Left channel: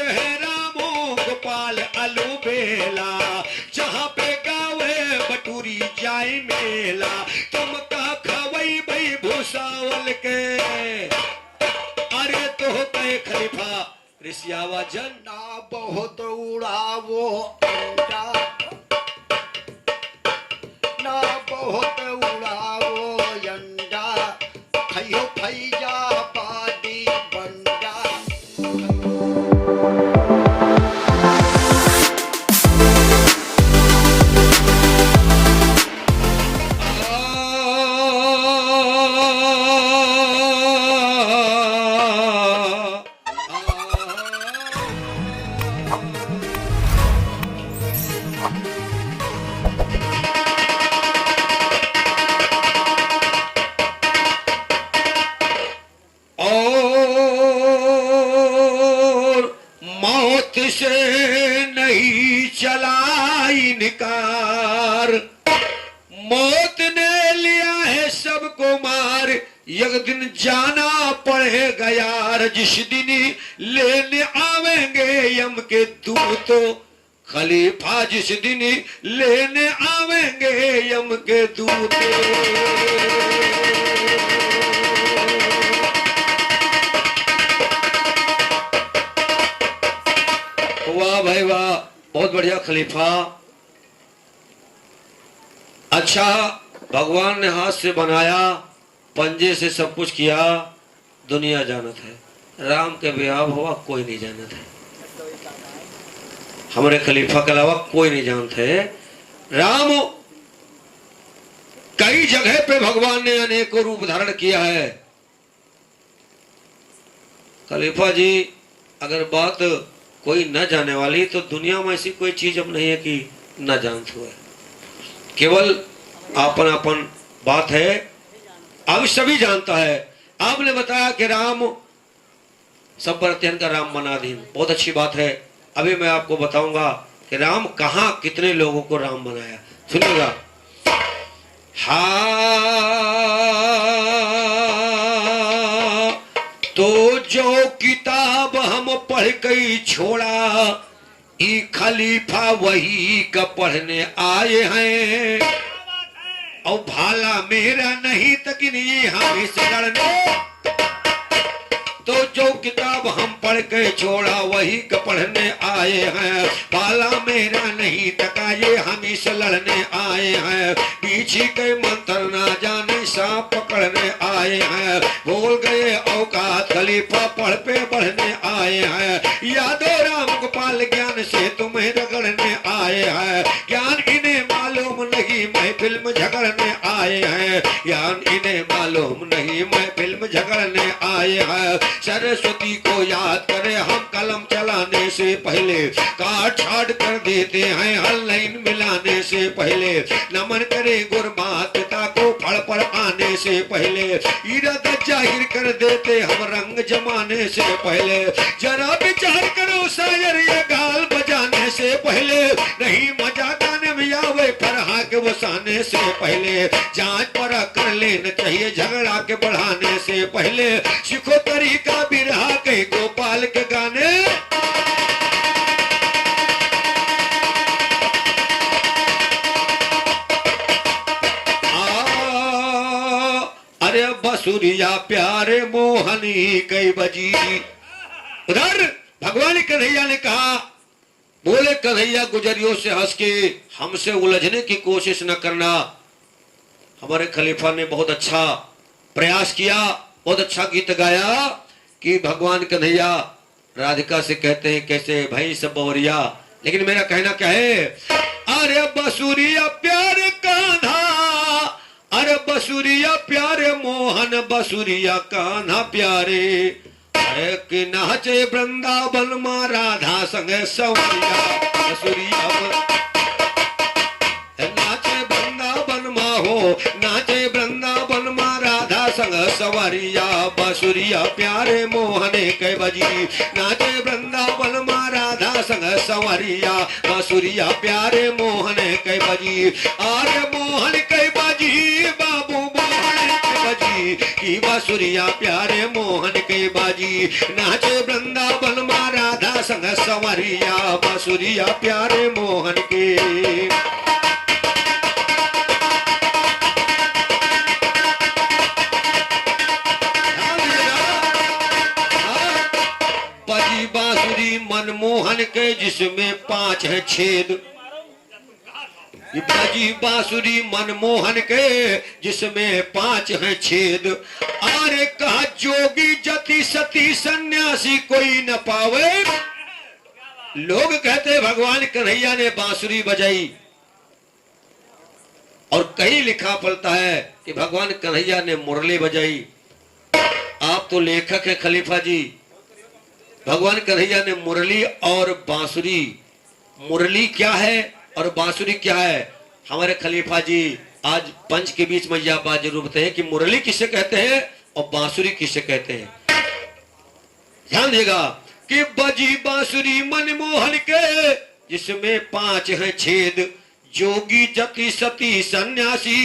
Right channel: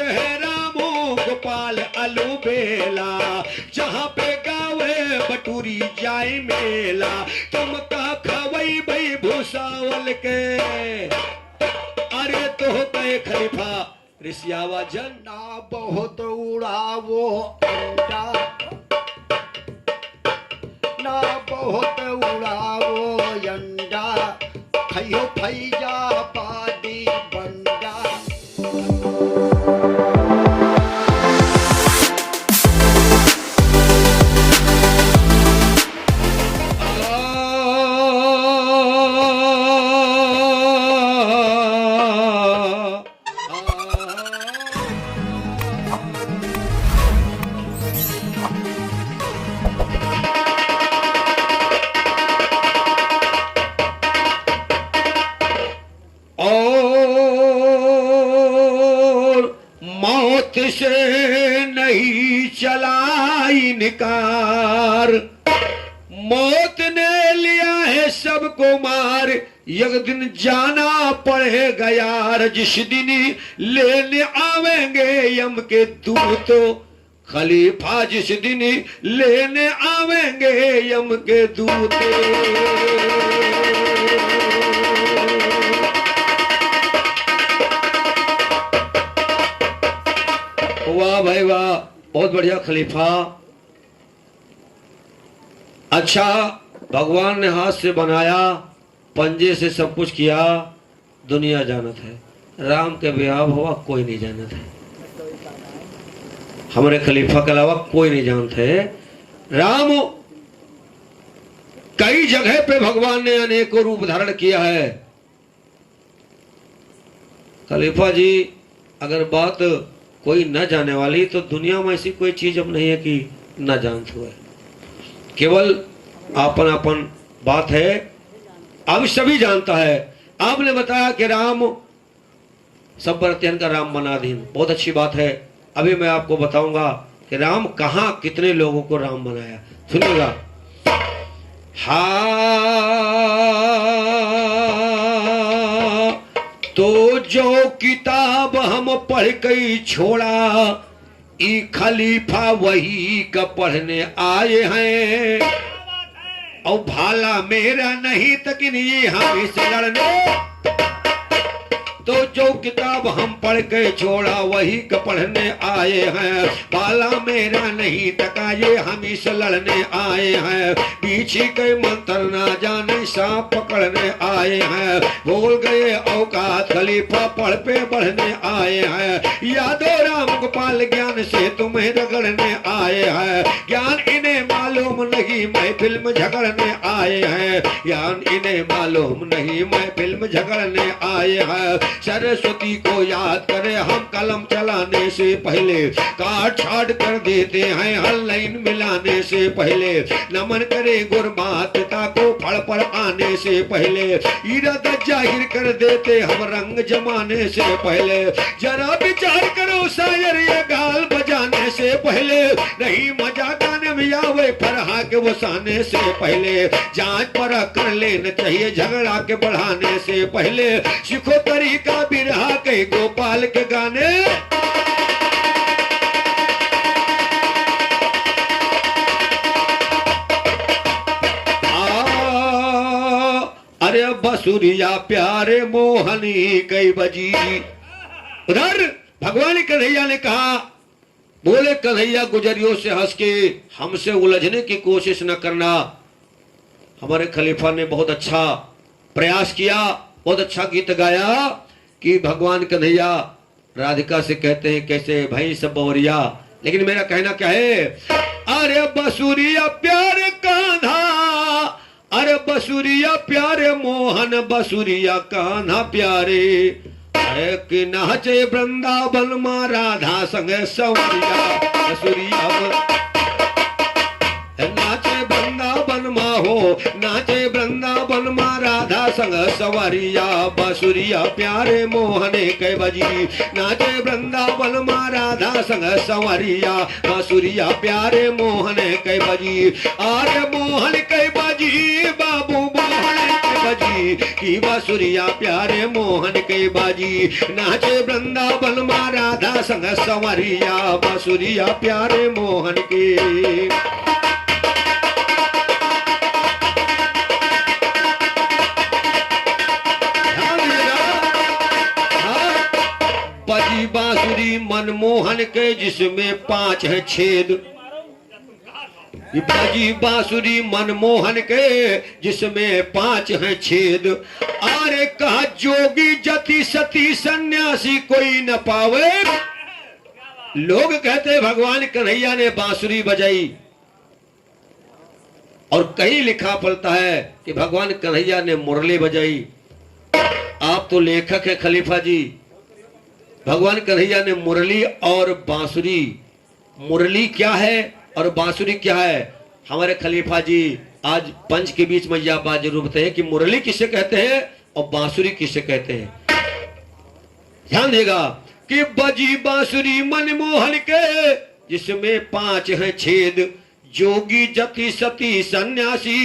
है रामो गोपाल अलूबेला, जहाँ पे गावे बटूरी जाए मेला, तुम का खवई भाई भूसावल के, अरे तो कहे खलीफा ऋषियावा जन ना बहुत उड़ावो अंडा, ना बहुत उड़ावो अंडा, खइयो फैजा पादी बंडा। से नहीं चला इनकार, मौत ने लिया है सबको मार, एक दिन जाना पड़ेगा यार, जिस दिन लेने आवेंगे यम के दूत, खलीफा जिस दिन लेने आवेंगे यम के दूत। वाह भाई वाह, बहुत बढ़िया खलीफा। अच्छा, भगवान ने हाथ से बनाया, पंजे से सब कुछ किया, दुनिया जानत है, राम के ब्याह हुआ कोई नहीं जानत है, हमारे खलीफा के अलावा कोई नहीं जानते। राम कई जगह पे भगवान ने अनेकों रूप धारण किया है। खलीफा जी, अगर बात कोई न जाने वाली तो दुनिया में ऐसी कोई चीज अब नहीं है कि न जानते हुए, केवल आपन आपन बात है, अब सभी जानता है। आपने बताया कि राम सब पर अत्यंत का राम बनाधीन, बहुत अच्छी बात है। अभी मैं आपको बताऊंगा कि राम कहां कितने लोगों को राम बनाया, सुनिएगा। हाँ, तो जो किताब हम पढ़ के छोड़ा, ई खलीफा वही का पढ़ने आए हैं, और भाला मेरा नहीं तकिन ये हम इसे लड़ने, तो जो किताब हम पढ़ के छोड़ा वही का पढ़ने आए हैं, भाला मेरा नहीं तका ये हम इसे लड़ने आए हैं, पीछे के मंत्र ना जाने सांप पकड़ने आए हैं, भूल गए औकात खलीफा पढ़ पे बढ़ने आए हैं, यादो राम गोपाल ज्ञान से तुम्हें रगड़ने आए हैं, ज्ञान इन्हें मालूम नहीं मैं फिल्म झगड़ने आए हैं, ज्ञान इन्हें मालूम नहीं मैं फिल्म झगड़ने आए हैं, सरस्वती को याद करें हम कलम चलाने से पहले, काट छाट कर देते हैं हर लाइन मिलाने से पहले, नमन करे गुरमात पिता को फड़ पर आने से पहले, इरादा जाहिर कर देते हम रंग जमाने से पहले, जरा विचार करो शायर ये गाल बजाने से पहले, नहीं मजा गाने में आवे फरहा के वसाने से पहले, जांच पर कर लेना चाहिए झगड़ा के बढ़ाने से पहले, सीखो तरीका बिरहा के गोपाल के गाने, अरे बसुरिया प्यारे मोहनी कई बजी। उधर भगवान कन्हैया ने कहा, बोले कन्हैया गुजरियों से हंस के हमसे उलझने की कोशिश न करना। हमारे खलीफा ने बहुत अच्छा प्रयास किया, बहुत अच्छा गीत गाया कि भगवान कन्हैया राधिका से कहते हैं कैसे भाई सब बवरिया, लेकिन मेरा कहना क्या है, अरे बसुरिया प्यारे कान्हा, अरे बसुरिया प्यारे मोहन, बसुरिया कान्हा प्यारे, अरे कि नाचे वृंदावन माँ राधा संग सवरिया, बसुरिया नाचे वृंदावन माँ हो, नाचे वृंदावन माँ राधा संग सवरिया, बसुरिया प्यारे मोहने कै बजी, नाचे वृंदावन माँ राधा संग सवरिया, बसुरिया प्यारे मोहने कै बजी, अरे मोहन कै बजी बाबू मोहन कै बाजी की बांसुरिया प्यारे मोहन के बाजी नाचे वृंदावन में राधा संग संवरिया बांसुरिया प्यारे मोहन के बजी बांसुरी मनमोहन के जिसमें 5 है छेद बजी बांसुरी मनमोहन के जिसमें 5 है छेद अरे कहा जोगी जति सती सन्यासी कोई न पावे लोग कहते भगवान कन्हैया ने बांसुरी बजाई और कहीं लिखा पड़ता है कि भगवान कन्हैया ने मुरली बजाई। आप तो लेखक हैं खलीफा जी, भगवान कन्हैया ने मुरली और बांसुरी, मुरली क्या है और बांसुरी क्या है? हमारे खलीफा जी आज पंच के बीच में यह बात जरूर बताइए कि मुरली किसे कहते हैं और बांसुरी किसे कहते हैं। ध्यान देगा कि बजी बांसुरी मनमोहन के जिसमें 5 हैं छेद जोगी जति सती सन्यासी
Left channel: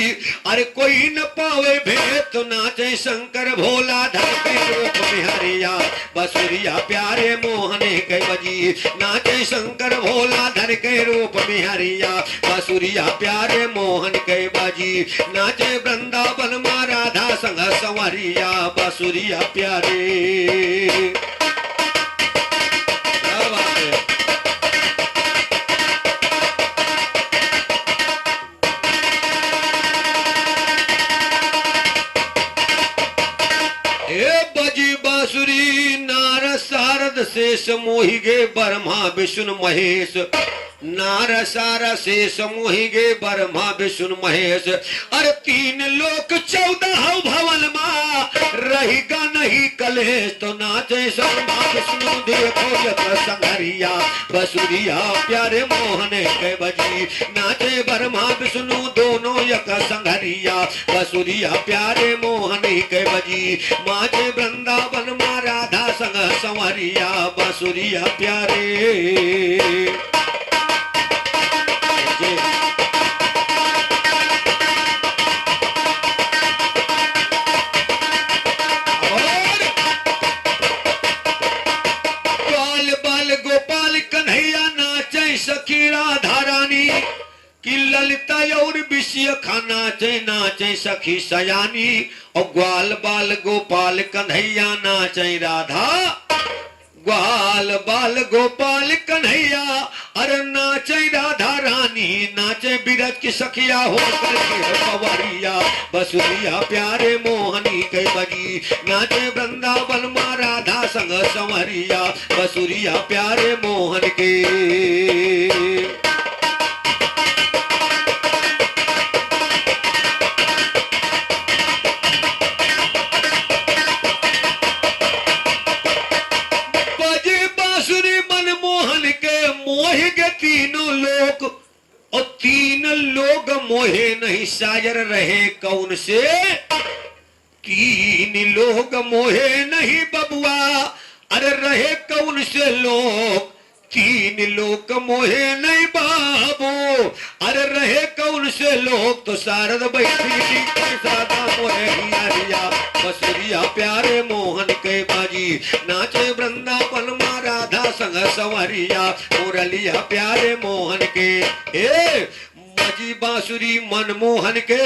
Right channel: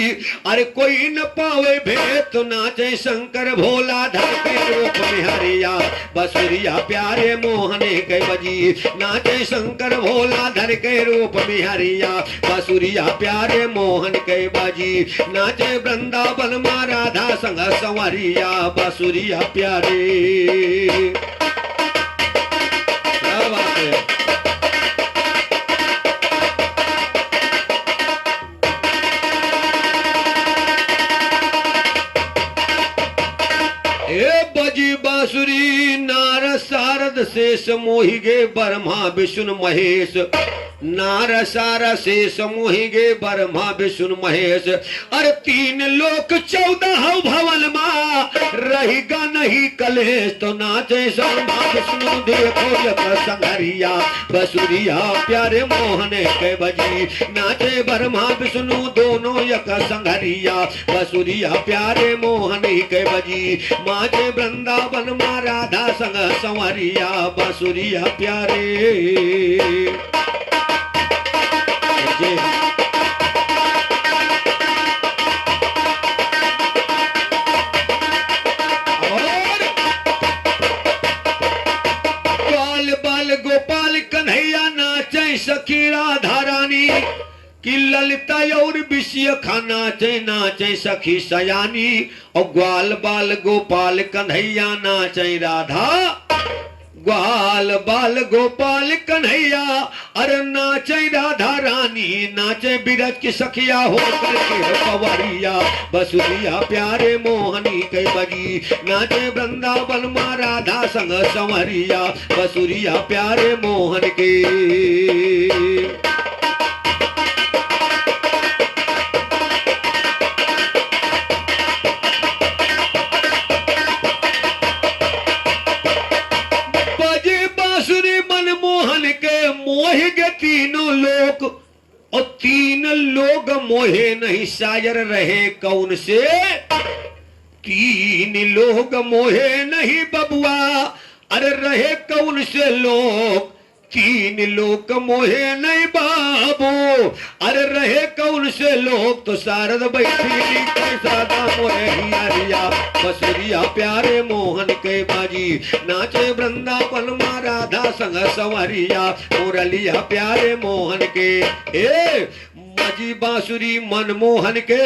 अरे कोई न पावे भेद तो नाचे शंकर भोला धर के रूप में हरिया बांसुरिया प्यारे मोहने के बजी नाचे शंकर भोला धर के रूप में हरिया बांसुरिया प्यारे मोहन के बजी नाचे वृंदावन में राधा संग संवरिया बांसुरिया प्यारे। क्या बात है? बजी बांसुरी नार सारद शेष मोहि गे ब्रह्मा विष्णु महेश नार सारा शेष मोहि गे ब्रह्मा विष्णु महेश अरे 3 लोक 14 भवन मा रहेगा नहीं कलेश तो नाचे ब्रह्मा विष्णु देखो यक संघरिया बांसुरिया प्यारे मोहने के बजी नाचे ब्रह्मा विष्णु दोनों यक संघरिया बांसुरिया प्यारे मोहने के बजी माचे वृंदावन मा राधा संग संवरिया बांसुरिया प्यारे। ग्वाल बाल गोपाल कन्हैया नाचे सखी राधा रानी कि ललिता और विषय खाना चे नाचे सखी सयानी और ग्वाल बाल गोपाल कन्हैया नाचे राधा ग्वाल बाल गोपाल कन्हैया अरे नाचे राधा रानी नाचे बिरज की सखिया हो करके पवरिया बांसुरिया प्यारे मोहनी के बजी नाचे वृंदावन में राधा संग संवरिया बांसुरिया प्यारे मोहन के। मोह के 3 लोग और 3 लोग मोहे नहीं शायर रहे कौन से 3 लोग मोहे नहीं बबुआ अरे रहे कौन से लोग 3 लोग मोहे नहीं बाबू अरे रहे कौन से लोग तो शारद बैठी सादा मोहे हिया बांसुरिया प्यारे मोहन के बाजी नाचे वृंदावन में राधा संग संवरिया मुरलिया प्यारे मोहन के। ए बजी बांसुरी मनमोहन के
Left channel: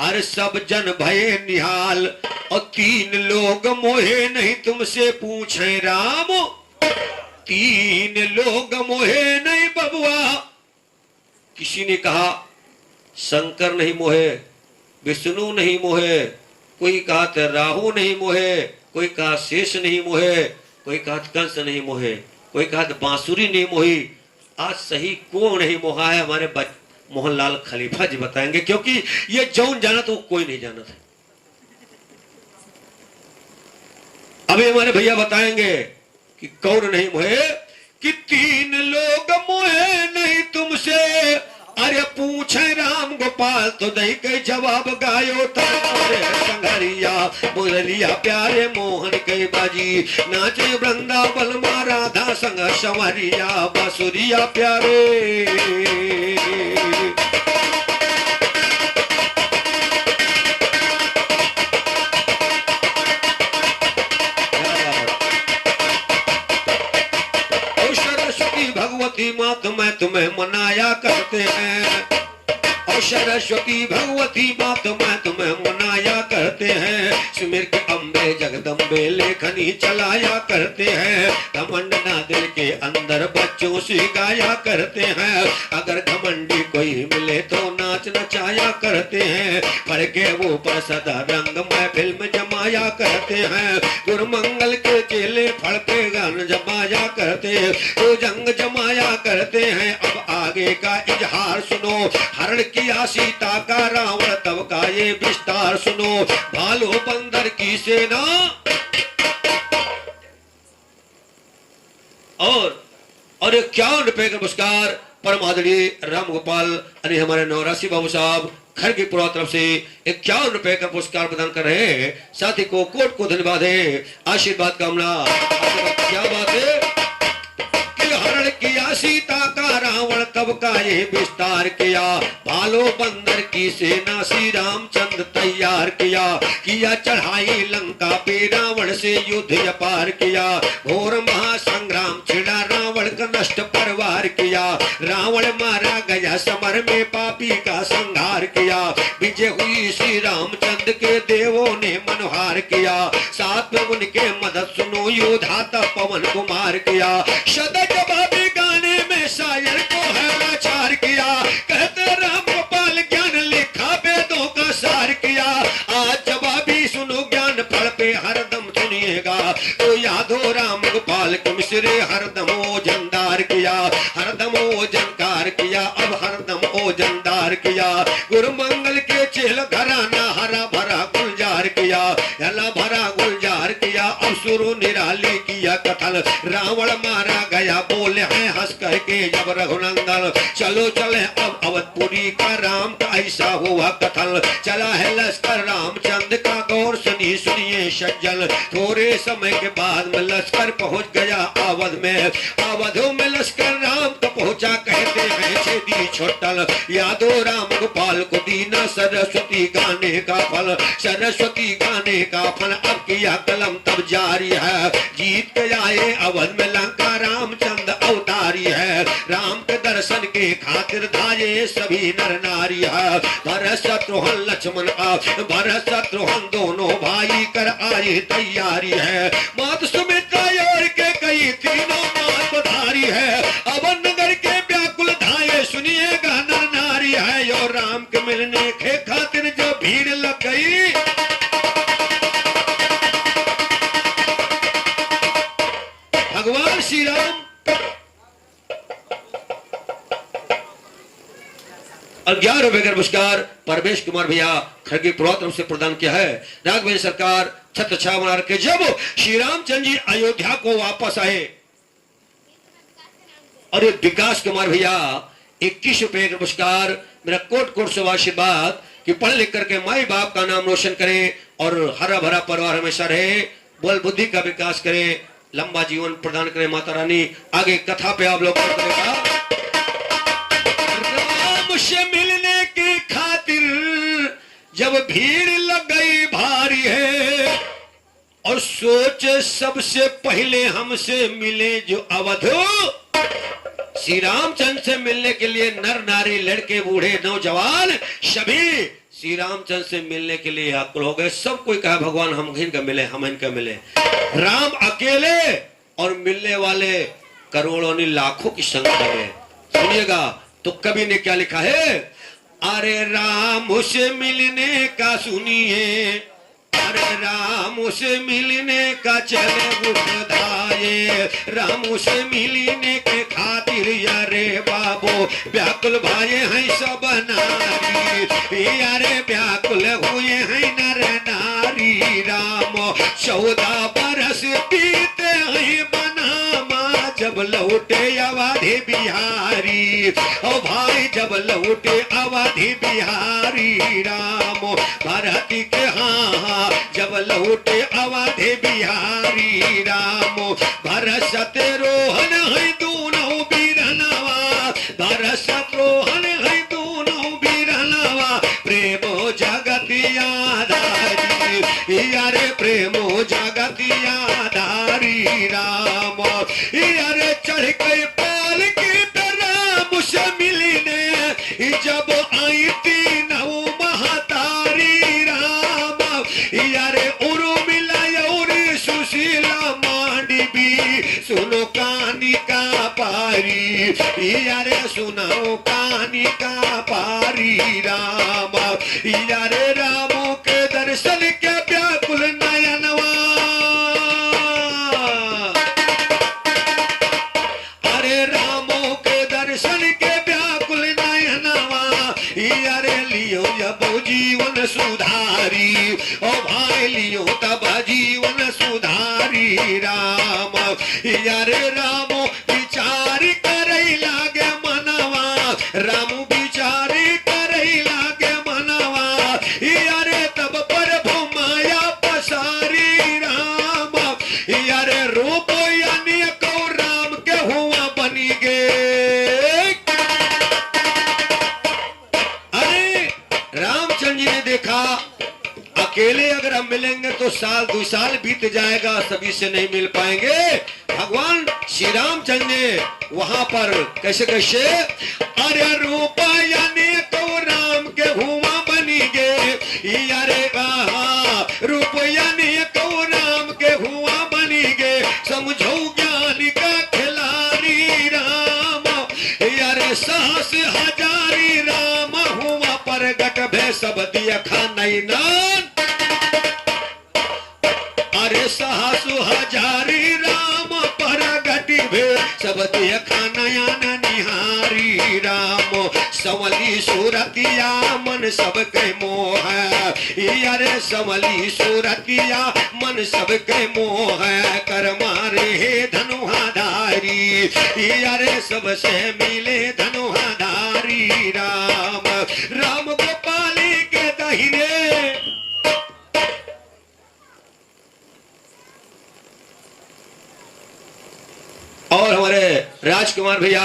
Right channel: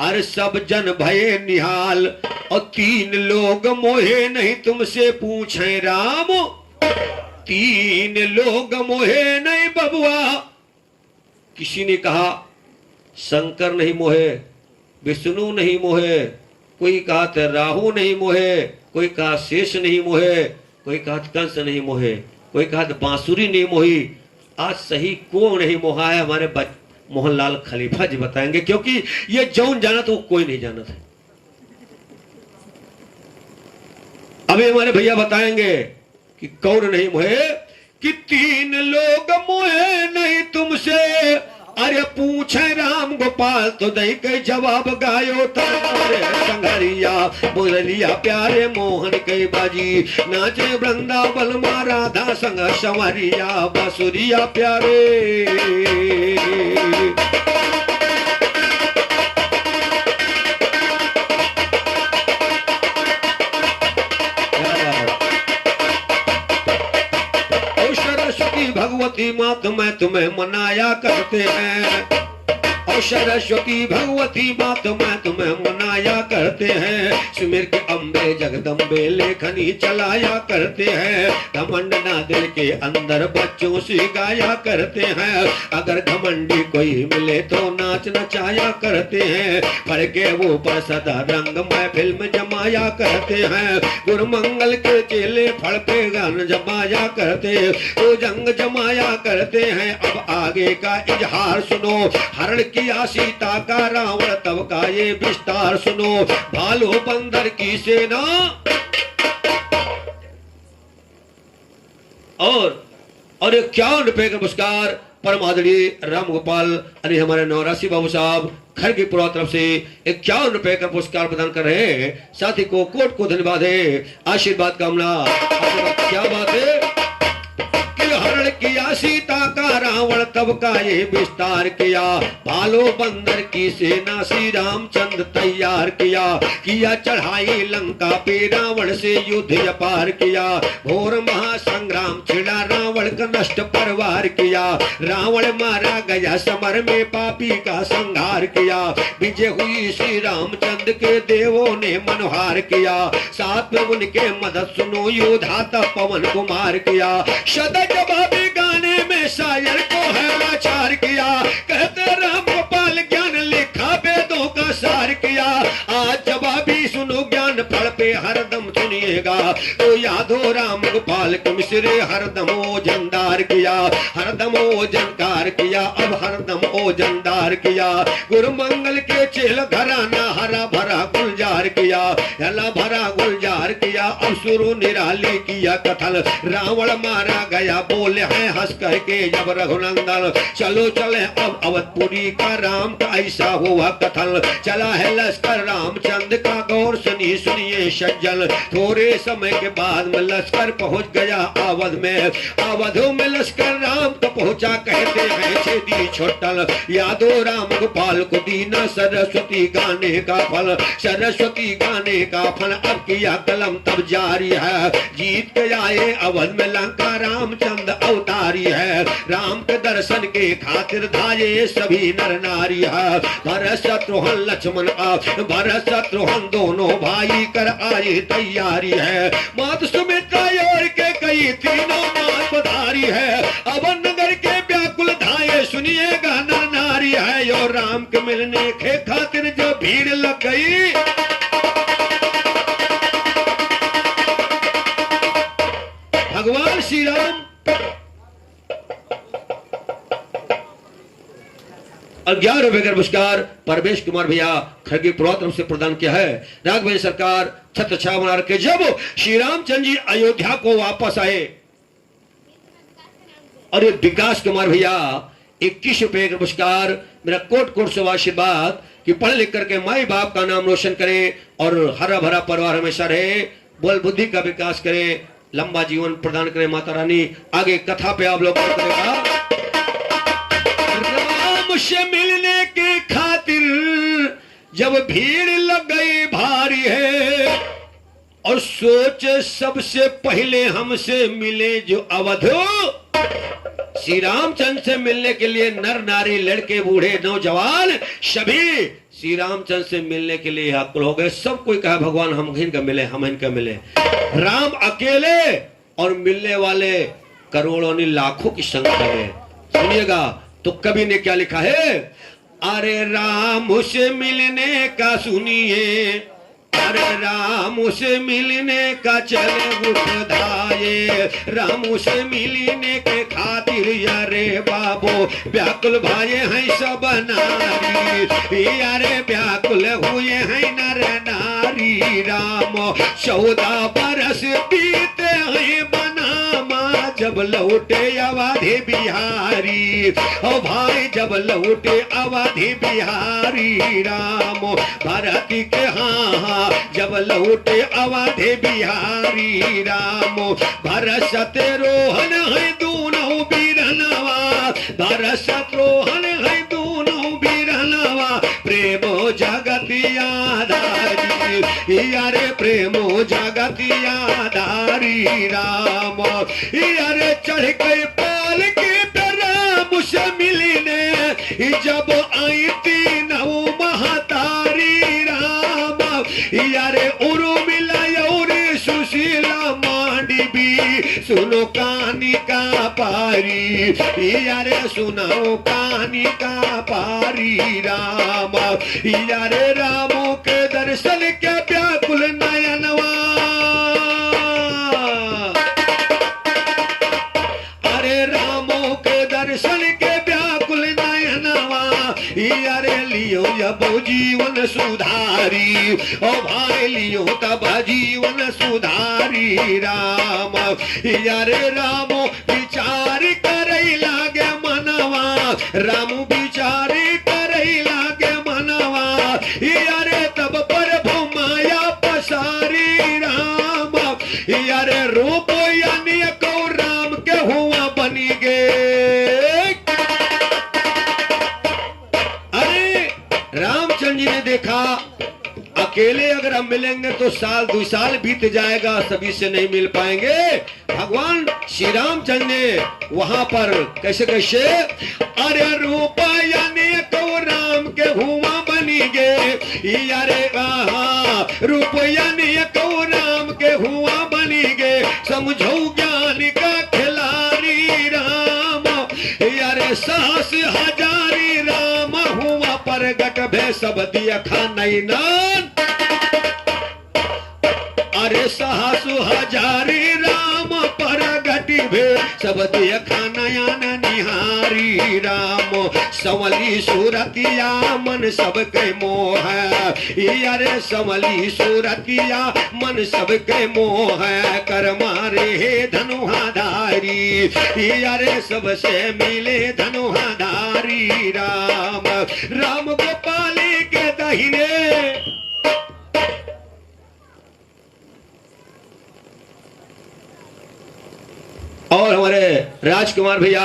अरे सब जन भये निहाल और 3 लोग मोहे नहीं तुमसे पूछे राम 3 लोग मोहे नहीं बबुआ। किसी ने कहा शंकर नहीं मोहे विष्णु नहीं मोहे कोई कहा राहु नहीं मोहे कोई कहा शेष नहीं मोहे कोई कहा कंस नहीं मोहे कोई कहा बांसुरी नहीं मोही। आज सही कौन नहीं मोहा है हमारे मोहनलाल खलीफा जी बताएंगे क्योंकि ये जौन जाना तो कोई नहीं जाना था। अभी हमारे भैया बताएंगे कि कौन नहीं मोहे कि 3 लोग मोहे नहीं तुमसे अरे पूछे राम गोपाल तो दही के जवाब गायो तारे संघरिया मुरलिया प्यारे मोहन के बाजी नाचे वृंदावन में राधा संग संवरिया बांसुरिया प्यारे। और सरस्वती भगवती माँ तुम्हें मनाया करते हैं। और सरस्वती भगवती माँ तुम्हें मनाया करते हैं। सुमिर के अम्बे जगदम्बे लेखनी चलाया करते हैं। घमंड ना दिल के अंदर बच्चों से गाया करते हैं। अगर घमंडी कोई मिले तो नाच नचाया करते हैं। फड़ के वो पर सदा रंग महफिल में जमाया करते हैं। गुरुमंगल के चेले फड़ पे गान जमाया करते हैं, तो जंग जमाया करते हैं। अब आगे का इजहार सुनो, हरण किया सीता का रावण तब का ये विस्तार सुनो। भालू बंदर की सेना और 51 रुपए का पुरस्कार परम आदरणीय राम गोपाल अरे हमारे नवरासी बाबू साहब खड़गीपुरा तरफ से 51 रुपए का पुरस्कार प्रदान कर रहे हैं। साथी को कोट को धन्यवाद है, आशीर्वाद कामना। क्या बात है कि हरण किया सीता का रावण तब का ये विस्तार किया। भालो बंदर की सेना श्री रामचंद्र तैयार किया चढ़ाई लंका पे रावण से युद्ध अपार किया। घोर महासंग्राम छिड़ा रावण का नष्ट परवार किया। रावण मारा गया समर में पापी का संहार किया। विजय हुई श्री रामचंद्र के देवों ने मनोहार किया। साथ में उनके मदद सुनो योद्धा तब पवन कुमार किया। सदा जवाबी गाने में शायर को है लाचार किया। कहते राम गोपाल ज्ञान लिखा वेदों का सार किया। आज जवाबी सुनो ज्ञान फल पे हरदम सुनिएगा। तो यादो राम गोपाल के मिश्रे हरदम ओजनदार किया। हरदम ओजनकार किया, अब हरदम ओजनदार किया। गुरु मंगल के चेल घराना हरा भरा गुलजार किया। हला भरा गुलजार किया, अब शुरू निराली किया कथन। रावण मारा गया बोले हैं हंस करके जब रघुनंदन। चलो चले अब अवधपुरी का राम का ऐसा हुआ कथन। चला है लश्कर रामचंद्र का गौर सुनिए सज्जन। थोड़े समय के बाद में लश्कर पहुंच गया अवध में। अवधों में लश्कर राम तो पहुंचा, कहते हैं छेदी छोटल। यादो राम गोपाल को दीना सरस्वती गाने का फल। सरस्वती गाने का फल अब किया कलम तब जारी है। जीत के आए अवध में लंका रामचंद्र अवतारी है। राम के दर्शन के खातिर धाये सभी नर नारी है। भरत शत्रुघ्न लक्ष्मण भरत शत्रुघ्न दोनों भाई कर आए तैयारी है। मात सुमित्रा और के कई तीनों मात पधारी है। अवन नगर के व्याकुल धाये सुनिएगा नर नारी है। और राम के मिलने के खातिर जो भीड़ लग गई। भगवान श्री राम और 11 रुपए का पुरस्कार परमेश कुमार भैया खड़गीपुरा तरफ से प्रदान किया है। राघवेंद्र सरकार छत्र छाया बना रखे। जब श्री रामचंद्र जी अयोध्या को वापस आए और ये विकास कुमार भैया 21 रुपए का पुरस्कार मेरा कोट कोट से आशीर्वाद कि पढ़ लिख करके माई बाप का नाम रोशन करें और हरा भरा परिवार हमेशा रहे। बोल बुद्धि का विकास करें, लंबा जीवन प्रदान करें माता रानी। आगे कथा पे आप लोग राम से मिलने के खातिर जब भीड़ लग गई भारी है। और सोचे सबसे पहले हमसे मिले जो अवधो। श्री रामचंद्र से मिलने के लिए नर नारी लड़के बूढ़े नौजवान सभी श्री रामचंद्र से मिलने के लिए आकुल हो गए। सब कोई कहा भगवान हम इनका मिले, हम इनका मिले। राम अकेले और मिलने वाले करोड़ों ने लाखों की संख्या में। सुनिएगा तो कवि ने क्या लिखा है। अरे राम से मिलने का सुनिए, अरे राम से मिलने का चले उठ धाये। राम से मिलने के खातिर अरे बाबो व्याकुल भाई हैं सब नारी। अरे व्याकुल हुए हैं नर नारी। राम 14 बरस बीते हैं बनामा जब लौटे अवधि बिहारी। ओ भाई जब लौटे अवधि बिहारी। राम भारती के हाँ जब लौटे अवधि बिहारी। राम भरत शत्रुघ्न है दोनों बीरनवा। भरत शत्रुघ्न है दोनों बीरनवा। प्रेम जगत आधारी। यारे प्रेमो जगतिया धारी राम, यारे चढ़ गए पाल की तरह मुझसे मिलने, जब आई तीन महतारी राम, यारे उर्मिला और सुशीला मांडवी, सुनो कहानी का पारी, यारे सुनाओ कहानी का पारी राम, यारे रामो के दर्शन के व्याकुल नयनवा, अरे रामो के दर्शन के व्याकुल नयनवा, यारे लियो जब जीवन सुधारी, ओ भाई लियो तब जीवन सुधारी राम, यारे रामो विचार करई लागे मनवा, रामू विचार करई लागे मनवा, यारे तब प्रभु माया पसारी राम, यारे रूप यानी को राम के हुआ बनी गे। अरे रामचंद्र जी ने देखा अकेले अगर हम मिलेंगे तो साल 2 साल बीत जाएगा, सभी से नहीं मिल पाएंगे। भगवान श्री रामचंद्र ने वहां पर कैसे कैसे, अरे रूप यानी तो राम के हुआ बनी गे, यारे रूप यानी तो राम के हुआ बनी गे, समझो ज्ञान का खिलाड़ी राम, यारे साहस हजारी राम हुआ प्रगट भे सब दिया खानई नान, अरे साहसु हजारी राम प्रगट भे सब दिया खानयान निहारी राम, संवली सूरतिया मन सबके मोह, अरे संवली सूरतिया मन सबके मोह, कर मारे हे धनुहाधारी, अरे सबसे मिले धनुहाधारी राम, राम गोपाली के दहिने, और हमारे राजकुमार भैया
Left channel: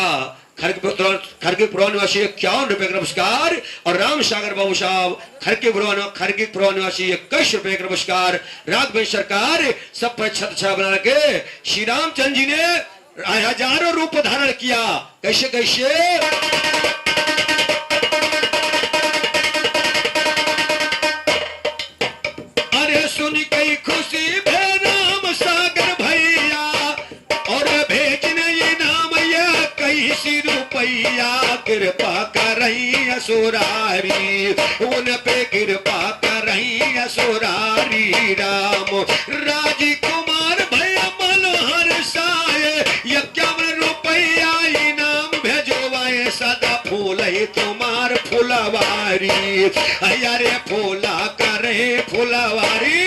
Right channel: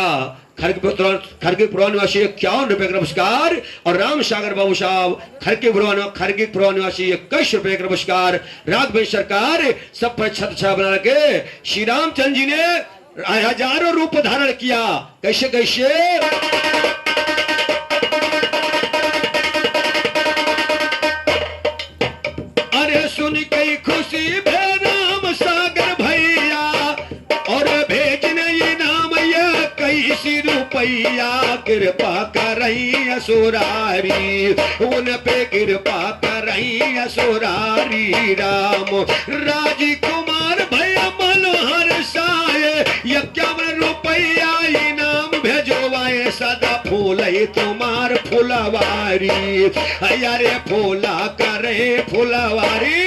खड़गपुर निवासी 51 रुपए का पुरस्कार, और राम सागर बाबू साहब खड़गपुर निवासी 21 रुपए का पुरस्कार, राघवेंद्र सरकार सब पर छत छा बना के श्री रामचंद्र जी ने हजारों रूप धारण किया। कैसे कैसे, अरे सुन के खुशी भे राम सागर भैया, और भेजने ये नाम ये कैसी रुपैया, कृपा करई असुरारी, उन पे कृपा करई असुरारी राम, राजकुमार भैया मनोहर साये 51 रुपैया इनाम भेजवाए, सदा फूल तुम्हार फुलवारी, अरे फूला करे फुलवारी।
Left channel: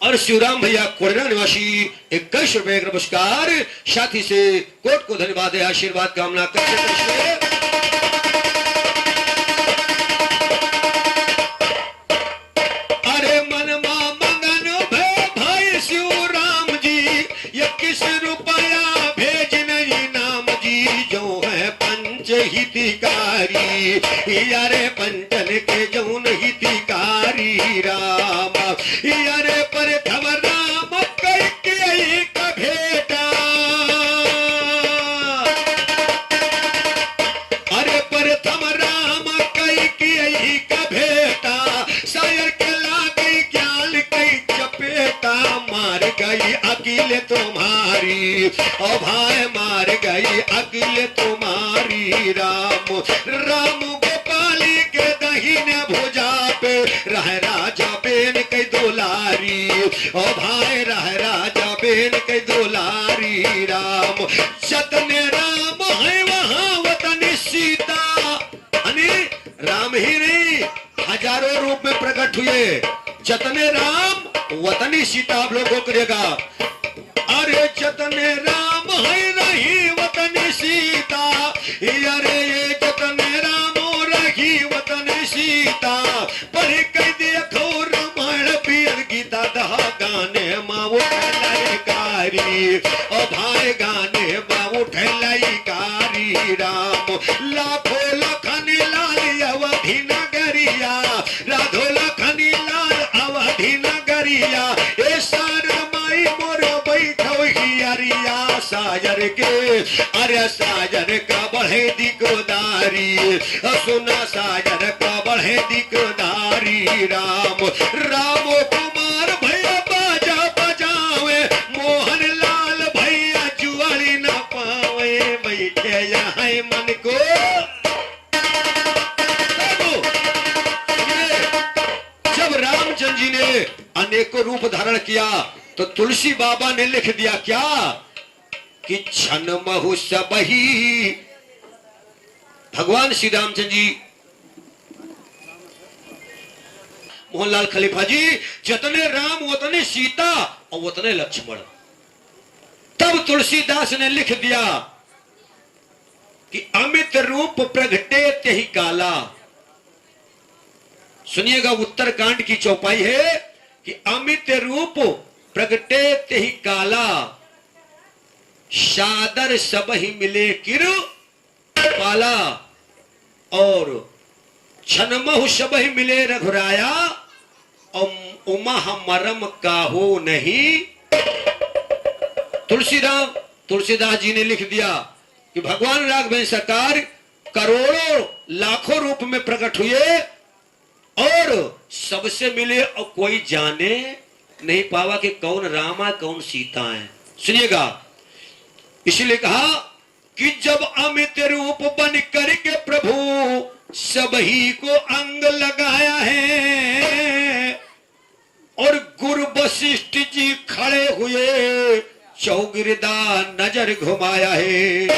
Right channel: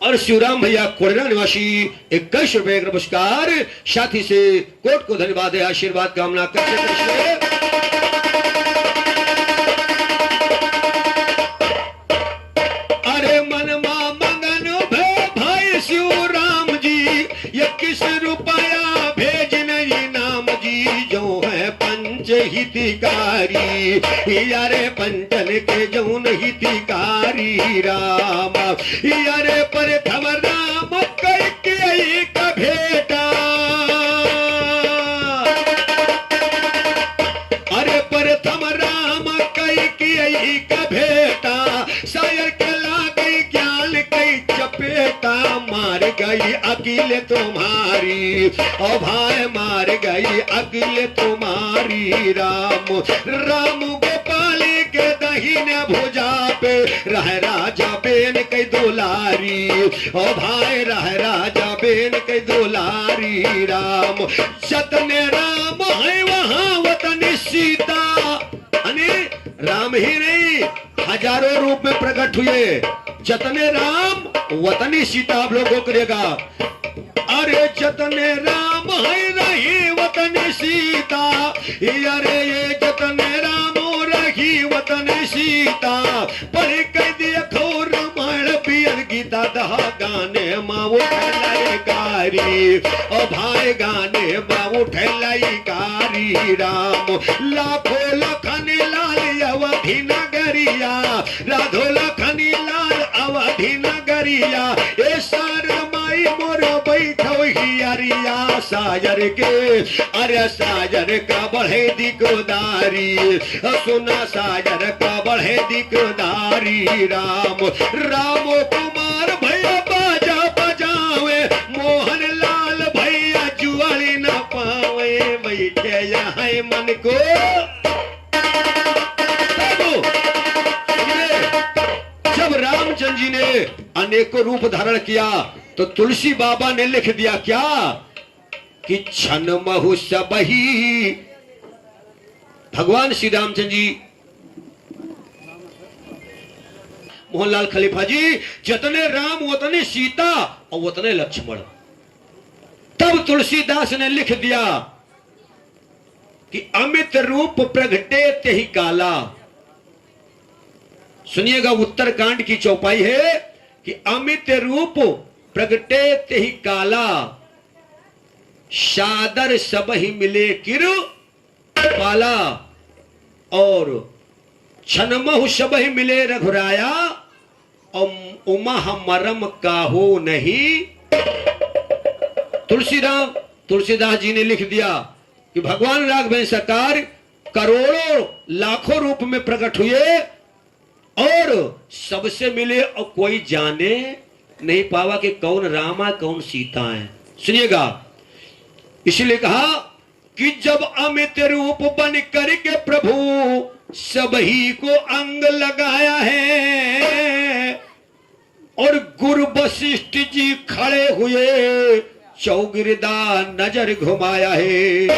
और शिवराम भैया कोड़ना निवासी 21 रुपए का पुरस्कार, साथी से कोट को धन्यवाद है, आशीर्वाद कामना करते। अरे मनमा मंगन भे भाई शिवराम जी 21 रुपया भेज नहीं नाम जी, जो है पंच हितकारी, यारे पंचन के जौन हितकारी राम, यारे पर थम राम कई का भेटा, अरे पर थम राम कई का भेटा, शायर के ला गई ज्ञान कई चपेटा, मार गई अकेले तुम्हारी, ओ भाई मार गई अकेले तुम्हारी राम, राम गोपाली के दहिने भुजा पे रह राजा बेन के दुलारी, ओ भाई रह राजा बेन के दुलारी राम, जतने राम है वहां वतन सीता, अने राम ही नहीं हजारों रूप में प्रकट हुए, जतने राम वतनी सीता आप लोगों को करेगा, अरे जतने राम है रही वतन सीता, अरे ये जतने राम रही वतन सीता, पर कह दिया खो रामायण पियर गीता दहा गाने माँ उठलाई कारी, ओ भाई गाने माँ उठलाई कारी राम। लाखों लखन लाल अवधि नगरिया, राधो लखन लाल अवधि नगरिया, ए शारद माई मोर बैठो हियरिया सायर के, अरे सायर का बढ़े दिकदारी, सुना सायर का बढ़े दिकदारी राम। रामो कुमार भैया बाजा बजावे, मोहन लाल भैया जुआरी न पावे, बैठे यहाँ मन को। जब रामचंद्र जी ने अनेकों रूप धारण किया तो तुलसी बाबा ने लिख दिया क्या कि छन महु सबही। भगवान श्री रामचंद्र जी, मोहनलाल खलीफा जी, जितने राम उतने सीता और उतने लक्ष्मण। तब तुलसीदास ने लिख दिया कि अमित रूप प्रगटे तेहि काला। सुनिएगा, उत्तरकांड की चौपाई है कि अमित रूप प्रगटे तेहि काला, सादर सब ही मिले किरु पाला, और छनमहु सब ही मिले रघुराया, और उमा मरम काहो नहीं। तुलसीदास जी ने लिख दिया कि भगवान राघवेंद्र सरकार करोड़ों लाखों रूप में प्रकट हुए और सबसे मिले, और कोई जाने नहीं पावा कि कौन रामा कौन सीता है। सुनिएगा, इसलिए कहा कि जब अमित रूप बन करके प्रभु सबही को अंग लगाया है, और गुरु वशिष्ठ जी खड़े हुए चौगिरदा नजर घुमाया है।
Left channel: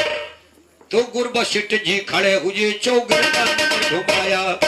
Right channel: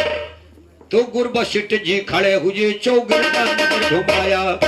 तो गुरु वशिष्ठ जी खड़े हुए चौगिरदा नजर घुमाया।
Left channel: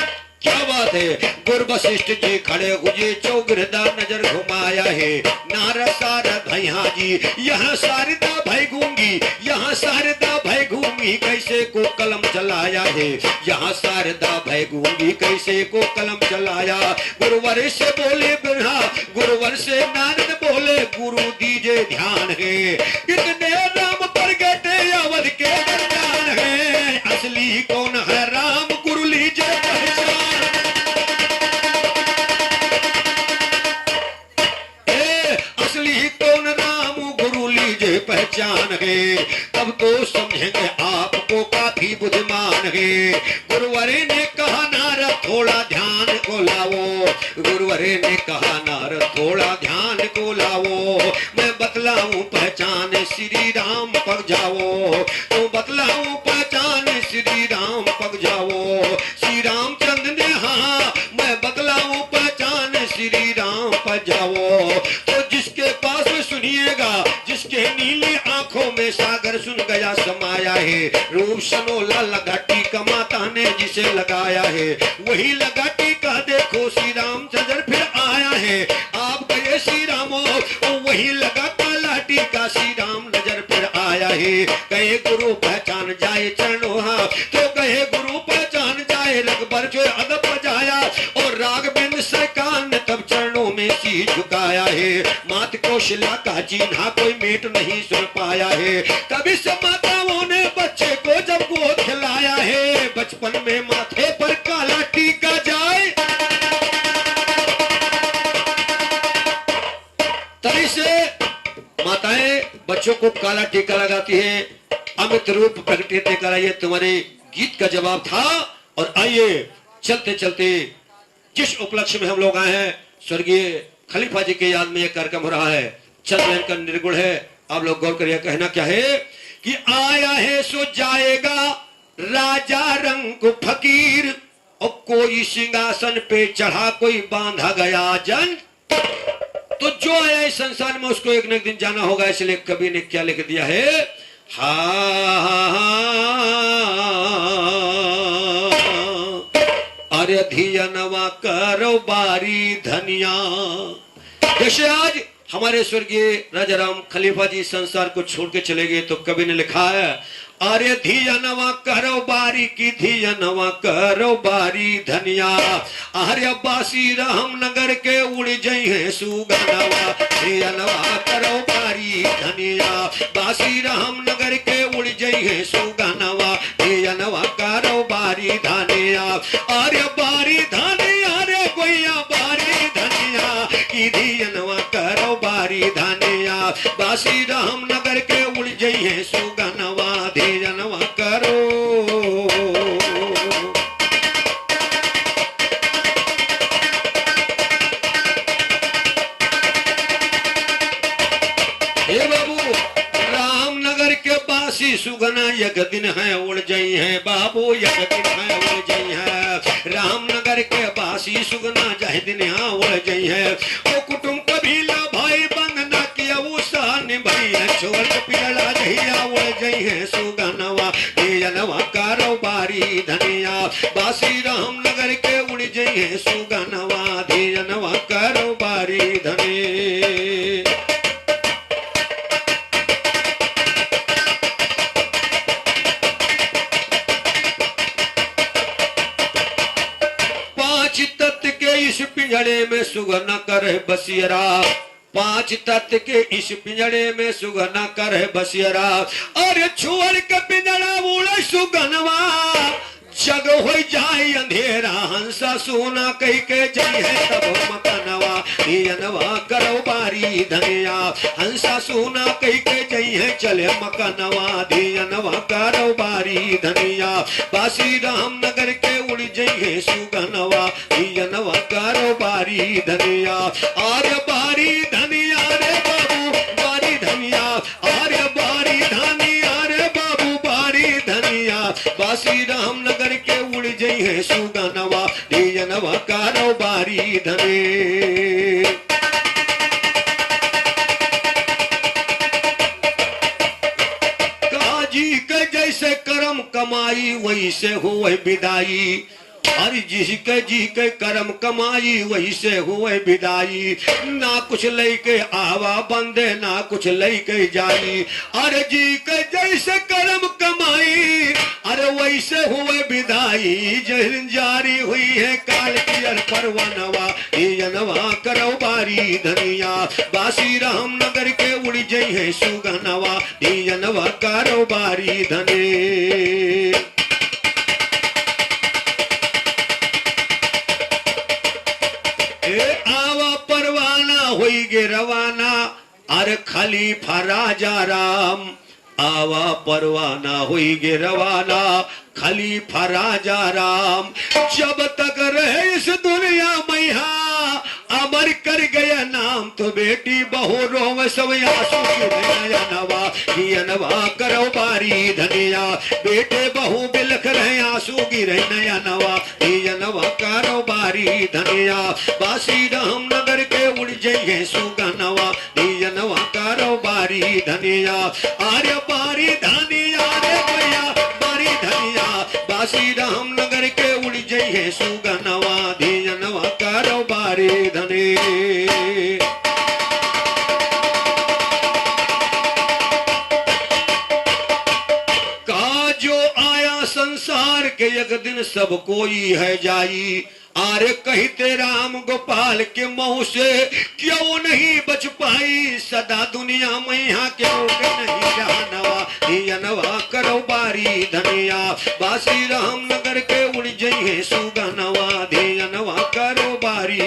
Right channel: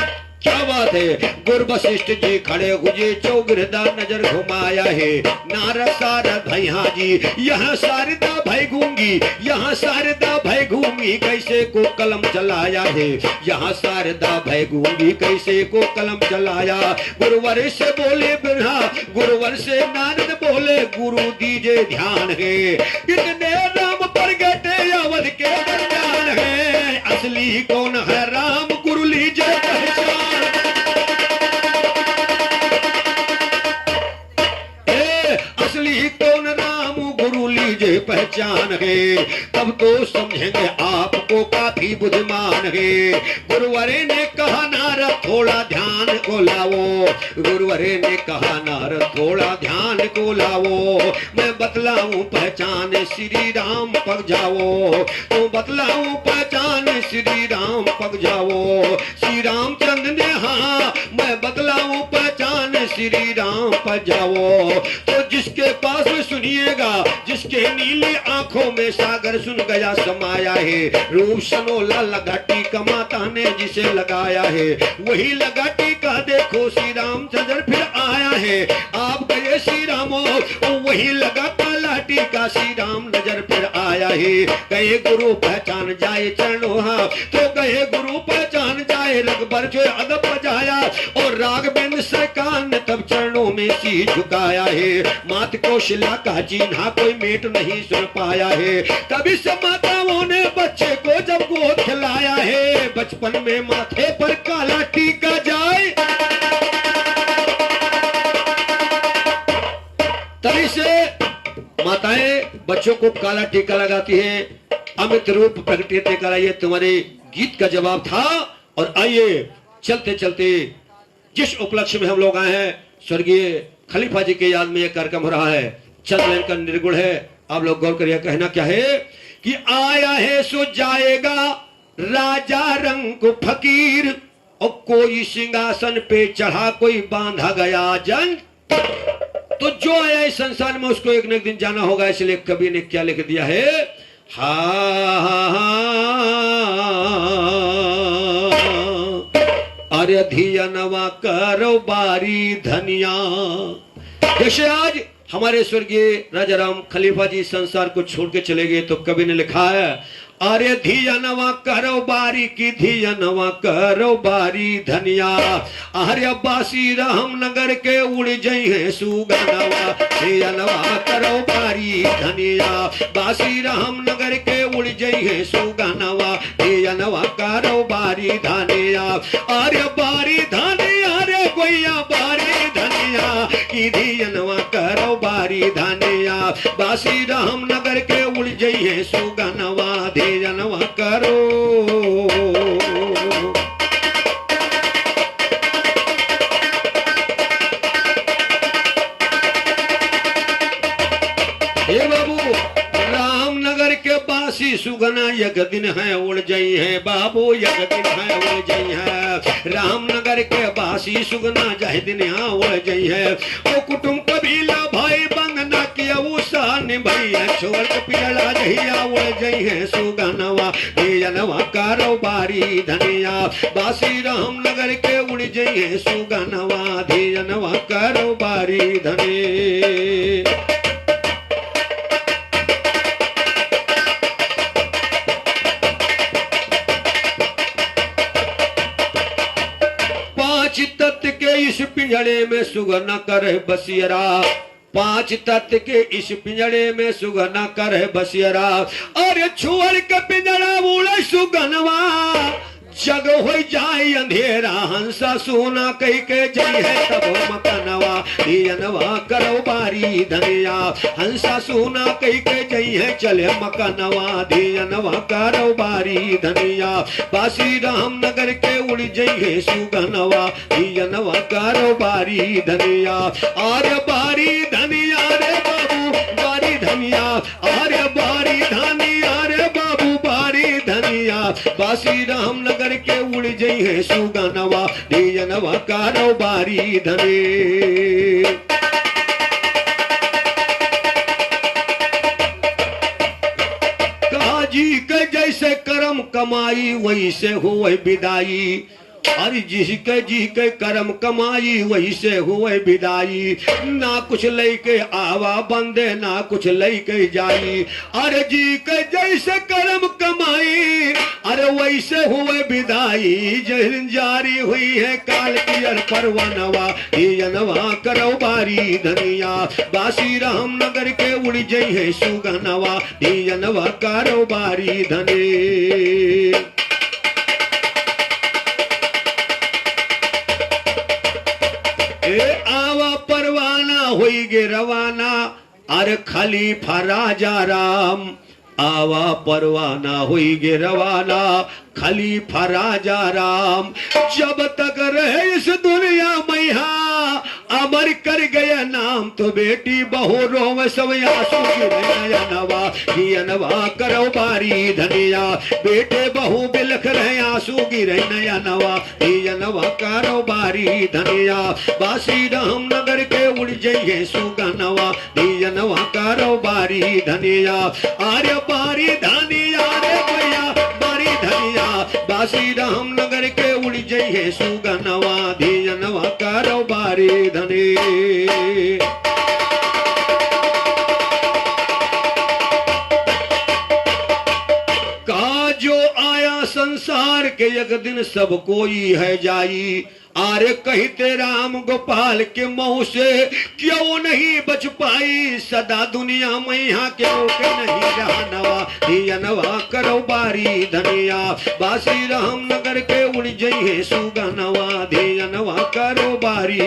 क्या बात है, गुरु वशिष्ठ जी खड़े हुए चौगिरदा नजर घुमाया है। नारद सारद भैया जी यहाँ शारदा भाई गूंगी, यहाँ शारदा भाई घूमी, कैसे को कलम चलाया है, यहाँ शारदा भाई गूंगी, कैसे को कलम चलाया। गुरुवर से बोले बिरहा, गुरुवर से नारद बोले, गुरु दीजे ध्यान है, इतने राम प्रगटे अवध के दरमियान है। असली कौन है राम, गुरु लीजिए पहचान। पहचान है, तब तो समझेंगे आपको काफी बुद्धिमान है। गुरुवरे ने कहा नारद थोड़ा ध्यान को लाओ, गुरुवरे ने कहा नारद थोड़ा ध्यान को लाओ। मैं बतलाऊं पहचान श्री राम पग जाओ, तो बतलाऊं पहचान श्री राम पग जाओ। श्री रामचंद्र ने हाँ, मैं बतलाऊं पहचान श्री राम पग जाओ। तो जिसके पास में सुनिएगा, जिसके नीली आंखों में सागर सुन गया समाया है, रूप सनोला लगा टीका माता ने जिसे लगाया है, वही लगा टीका देखो श्री रामचंद्र फिर आया है। आप गए श्री रामो, वही लगा काला टीका श्री राम नजर फिर आया है। गए गुरु पहचान जाए चरणों, हाँ तो गए गुरु पहचान जाए, रघुबर जो अदब बजाया, और राघवेंद्र सरकार ने तब चरणों में सी झुकाया है। मात कौशल्या का चिन्हा कोई मेट नहीं सुन पाया है, तभी से माताओं ने बच्चे को जब गोद खिलाया है। बचपन में माथे पर काला टीका जाए, तभी से माताएं बच्चों को काला टीका लगाती हैं। अमित रूप प्रगटे करा, ये तुम्हारे गीत का जवाब था। और आइए चलते चलते जिस उपलक्ष्य में हम लोग आए हैं, स्वर्गीय खलीफा जी के याद में यह कार्यक्रम हो रहा है। चंद्रयान का निर्गुण है, आप लोग गौर करिए। कहना क्या है कि आया है सो जाएगा राजा रंग फकीर, और कोई सिंहासन पे चढ़ा कोई बांधा गया जन। तो जो आया इस संसार में उसको एक न एक दिन जाना होगा, इसलिए कवि ने क्या लिख दिया है, अरे धियनवा करो बारी धनिया। जैसे आज हमारे स्वर्गीय राजा राम खलीफा जी संसार को छोड़ के चले गए, तो कवि ने लिखा है अरे धियनवा करो बारी की धियनवा करो बारी धनिया अरे बासी रामनगर के उड़ जई है सुगनवा धियनवा करो बारी धनिया बासी रामनगर के उड़ जई है सुगनवा धियनवा करो बारी धनिया अरे बारी धनिया रे गोया बारी धनिया की धियनवा करो बारी धनिया बासी रामनगर के उड़ जई है सुगनवा धियनवा करो। हे बाबू रामनगर के बासी सुगना यक दिन है उड़ जई है बाबू यक दिन है उड़ जई है रामनगर के बासी सुगना जह दिन यहाँ उड़ जई है वो कुटुंब कबीला भाई बंधना किया वो सान भैया छोड़ के पियला जहिया उड़ जई है सुगनवा धियनवा करो बारी धनिया बासी रामनगर के उड़ जई है सुगनवा धियनवा करो बारी धनी। पांच तत्व के इस पिंजड़े में सुगना करे बसियरा पांच तत्व के इस पिंजड़े में सुगना करे बसियरा अरे छोड़ के पिंजड़ा उड़े सुगनवा जग हो जाए अंधेरा हंसा सोना कह के जई है तब मकनवा धियनवा करो बारी धनिया हंसा सोना कह के जई है चले मकनवा धियनवा करो बारी धनिया बासी रामनगर के उड़ जई है सुगनवा धियनवा करो बारी धनिया आरे बारी धनिया रे बाबू बारी धनिया आरे बारी धनिया रे बाबू बारी धनिया बासी रामनगर के उड़ जई है सुगनवा धियनवा करो बारी धने। काजी के जैसे कर्म कमाई वैसे हुए विदाई अरे जिसके जी के कर्म कमाई वही से हुए विदाई ना कुछ लेके आवा बंदे ना कुछ लेके जाई अरे जी के जैसे कर्म कमाई अरे वैसे हुए विदाई जहन जारी हुई है काल की परवनवा धियनवा करो बारी धनिया बासी रामनगर के उड़ जई है सुगनवा धियनवा करो बारी धने। आवा परवाना होई गे रवाना अरे खलीफा राजा राम आवा परवाना होई गे रवाना खलीफा राजा राम जब तक रहे इस दुनिया में अमर कर गया नाम तो बेटी बहू रोव सब आंसू गिरे नवा धियनवा करो बारी धनिया बेटे बहू बिलख रहे आंसू गिरे नया नवा धियनवा करो बारी धनिया बासी रामनगर के उड़ जई है सुगनवा धियनवा करो बारी धनिया आर्य बारी धनिया रे भैया बारी धनिया बासी रामनगर के उड़ जई है सुगनवा धियनवा करो बारी धनी। का जो आया संसार के एक दिन सब कोई है जाई आरे कहते राम गोपाल के मुंह से क्यों नहीं बच पाई सदा दुनिया में यहाँ क्यों के नहीं जानवा धियनवा करो बारी धनिया बासी रामनगर के उड़ जई है सुगनवा धियनवा करो बारी।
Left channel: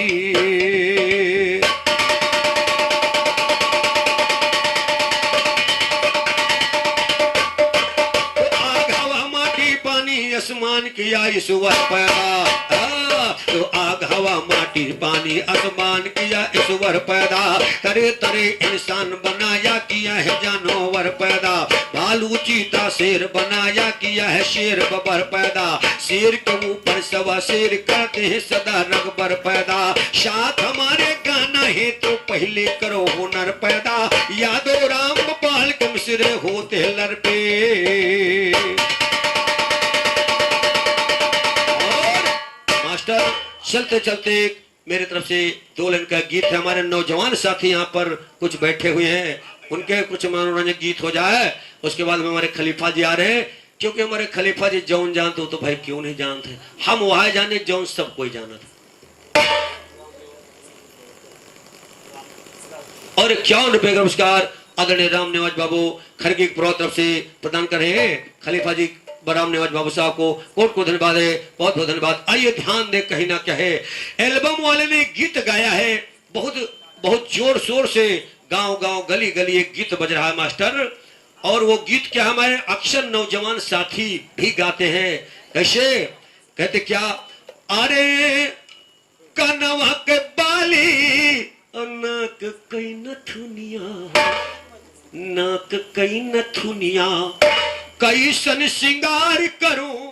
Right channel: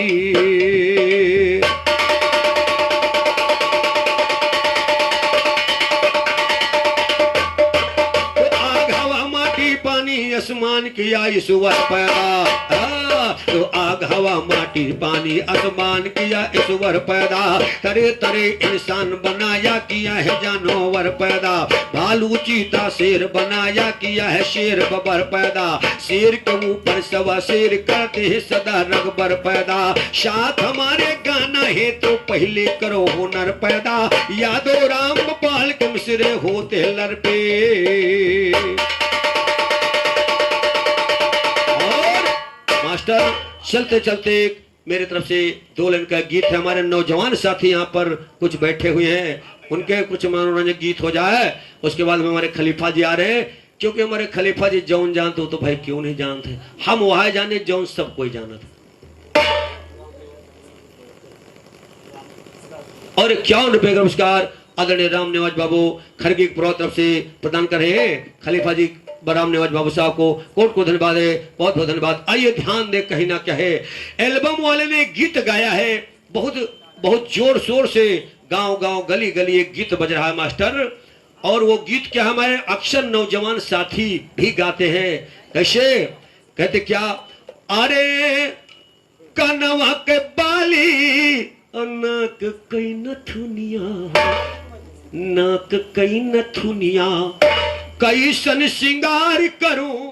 आग हवा माटी पानी आसमान किया ईश्वर पैदा तो आग हवा माटी पानी आसमान किया ईश्वर पैदा तरे तरे इंसान बनाया किया है जानवर पैदा भालू चीता शेर बनाया किया है शेर बबर पैदा शेर के ऊपर सवा शेर करते हैं सदा रगबर पैदा साथ हमारे गाना है तो पहले करो हुनर पैदा यादो राम गोपाल के मिसरे होते लर पे। मास्टर चलते चलते मेरे तरफ से 2 लाइन का गीत है। हमारे नौजवान साथी यहाँ पर कुछ बैठे हुए हैं उनके कुछ मनोरंजन गीत हो जाए, उसके बाद में हमारे खलीफा जी आ रहे हैं, क्योंकि हमारे खलीफा जी जौन जानते हो तो भाई क्यों नहीं जानते, हम वहां जाने जौन सब कोई जाना था। और 51 नमस्कार आदरणीय राम निवाज बाबू खरगी की तरफ से प्रदान कर रहे हैं खलीफा जी राम निवाज बाबू साहब को कोट को धन्यवाद है, बहुत बहुत धन्यवाद। आइए ध्यान दे कहीं ना क्या है, एल्बम वाले ने गीत गाया है, बहुत बहुत जोर शोर से गांव गांव गली गली एक गीत बज रहा है मास्टर, और वो गीत क्या हमारे अक्सर नौजवान साथी भी गाते हैं। कैसे कहते क्या, अरे कनवा के बाली नाक कई नथुनिया, नाक कई नथुनिया कैसन श्रृंगार करूं।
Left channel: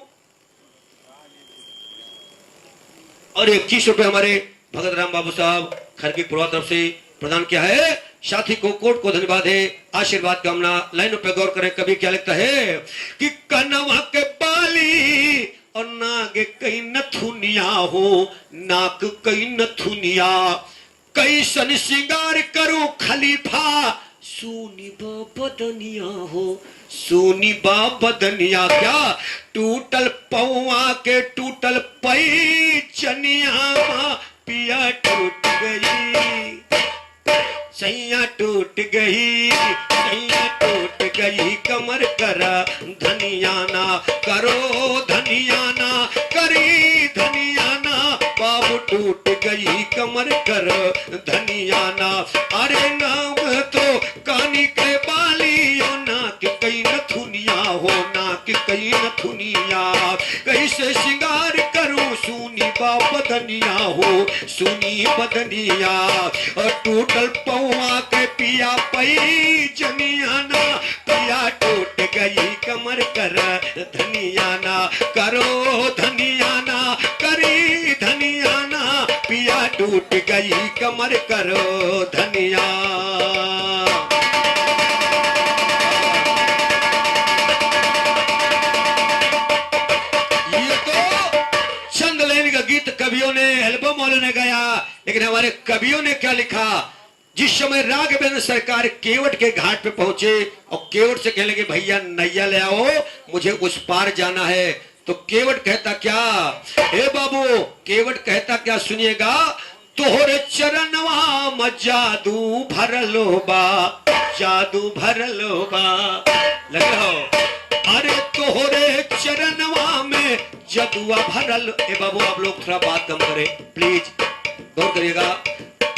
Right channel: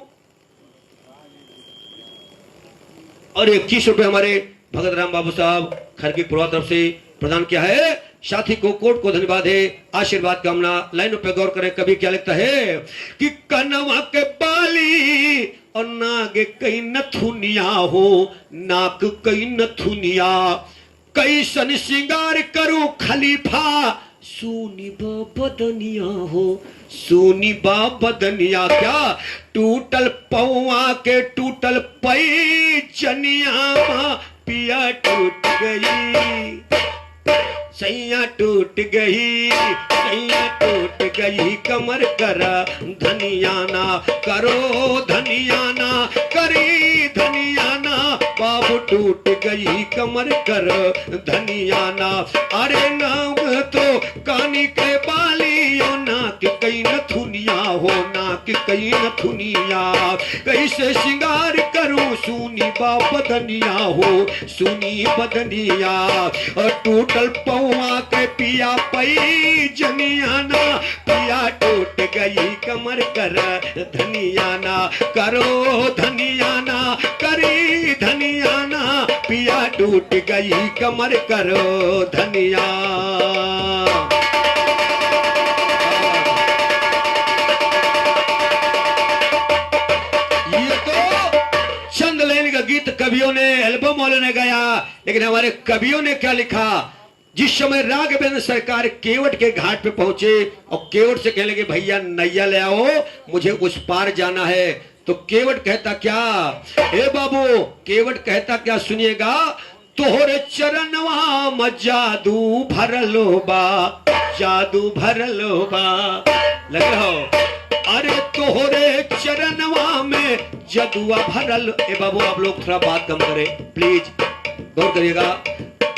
और 21 रुपए हमारे भगत राम बाबू साहब खरगी पूर्वा तरफ से प्रदान किया है, साथी को कोट को धन्यवाद है, आशीर्वाद कामना। लाइनों पे गौर करें, कभी क्या लिखता है कि कनवा के बाली और नाग कई नथुनिया हो, नाक कई नथुनिया कैसन श्रृंगार करूं खलीफा, सुनी बदनिया हो, सुनी बदनिया क्या टूटल पौआ के टूटल पैचनिया पिया टूट गई, सैया टूट गई, सैया टूट गई कमर करा धनियाना, करो धनियाना, करी धनियाना, बाबू टूट गई कमर कर धनियाना। अरे नाम तो कानी के बाली हो, नाक कई नथुनिया हो, नाक कई नथुनिया कैसे श्रृंगार करूं, सुनी बदनिया हो, सुनी बदनिया और टूटल पौआ के पिया पई जनियाना, पिया टूट गई कमर कर धनियाना, करो धनियाना, करी धनियाना, पिया टूट गई कमर करो धनिया। ये तो चंद लाइन का गीत कवियों ने, एल्बम वालों ने गाया, लेकिन हमारे कवियों ने क्या लिखा। जिस समय राघवेंद्र सरकार केवट के घाट पे पहुंचे और केवट से कहने लगे भैया नैया ले आओ, मुझे उस पार जाना है, तो केवट कहता क्या, हे बाबू, केवट कहता क्या सुनिएगा, तोहरे चरणवा में जादू भरलो बा, जादू भरलो बा, लगे हो, अरे तोहरे चरणवा में जदुआ भरल। ए बाबू आप लोग थोड़ा बात कम करें प्लीज, गौर करिएगा।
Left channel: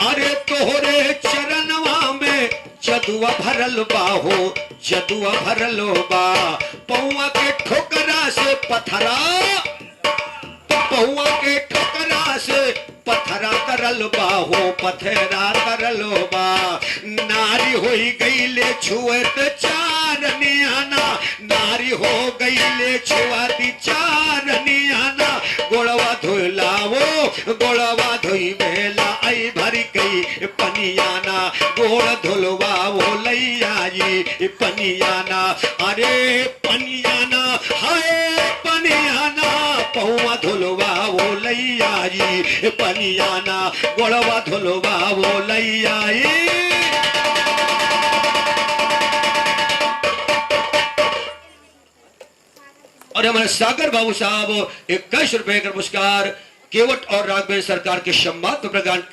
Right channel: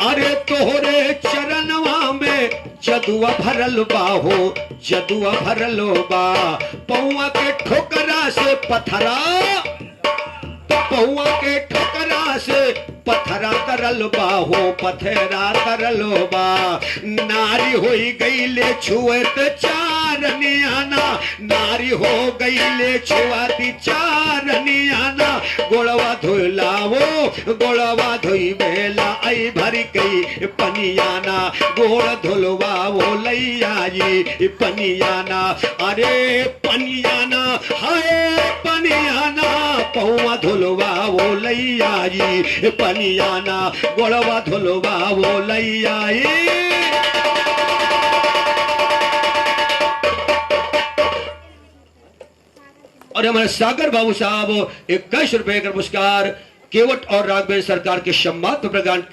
अरे तोहरे चरणवा में जदुआ भरल बा हो, जदुआ भरल बा, पौआ के ठोकरा से पथरा, पौआ के ठोकरा से पथरा तरल बा हो, पथरा तरल बा, नारी होई गई ले छुएत चारनियाना, नारी हो गई ले छुआती चारनियाना, गोड़वा धोलावो, गोड़वा धोई बेला आई भरी गई पनियाना, गोड़ धुलवावो लैयाई पनियाना, अरे पनियाना हाय पनियाना, पौआ धुलवावो लैयाई पनियाना, गोड़वा धुलवावो लैयाई। और हमारे सागर बाबू साहब 21 रुपए का पुरस्कार केवट और राघवेंद्र सरकार के सम्मान पर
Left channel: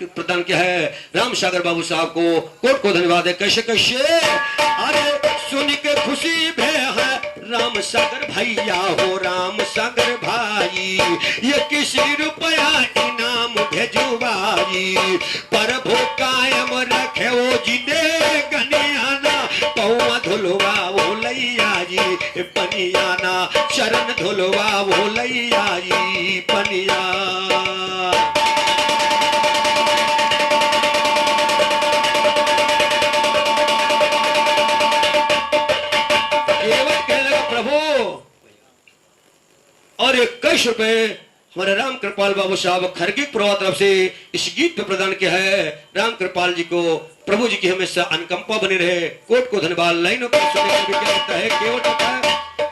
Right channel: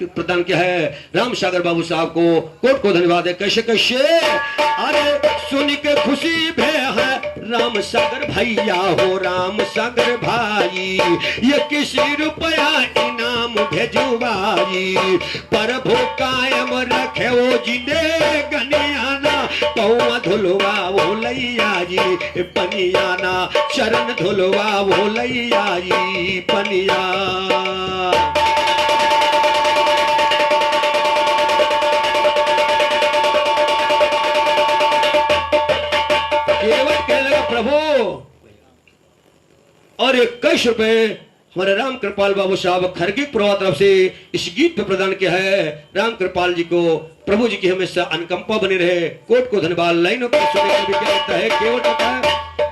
प्रदान किया है। राम सागर बाबू साहब को कोट को धन्यवाद है। कैसे कैसे, अरे सुन के खुशी भे है राम सागर भैया हो, राम सागर भाई, ये किसी रुपया इनाम भेजुबाई, प्रभु कायम रखे वो जिने गनियाना, पौआ धुलवा वो लैया जी पनियाना, चरण धुलवा वो लैया जी पनिया। प्रभु और 21 रुपए हमारे राम कृपाल बाबू साहब खरगी पुरवा तरफ से इस गीत पे प्रदान किया है। राम कृपाल जी को प्रभु जी की हमेशा अनुकंपा बनी रहे। कोट को धन्यवाद। लाइनों पर सुनने को भी क्या लगता है, केवट होता है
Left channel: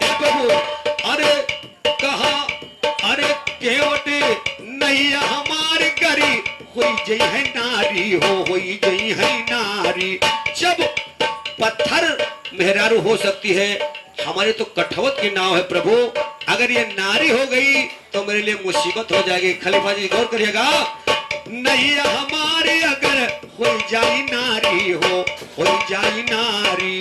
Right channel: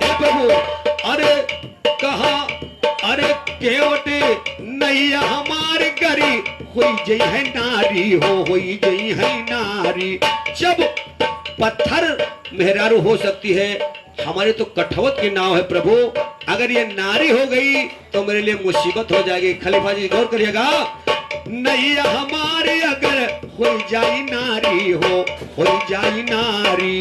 हे प्रभु, अरे कहा, अरे केवट नैया हमारे गरी हुई जई है नारी हो, हुई जई है नारी, जब पत्थर मेहरारू हो सकती है, हमारे तो कठौत की नाव है प्रभु। अगर ये नारी हो गई तो मेरे लिए मुसीबत हो जाएगी। खलीफा जी गौर करिएगा, नैया हमारी अगर हो जाई नारी हो जाई नारी,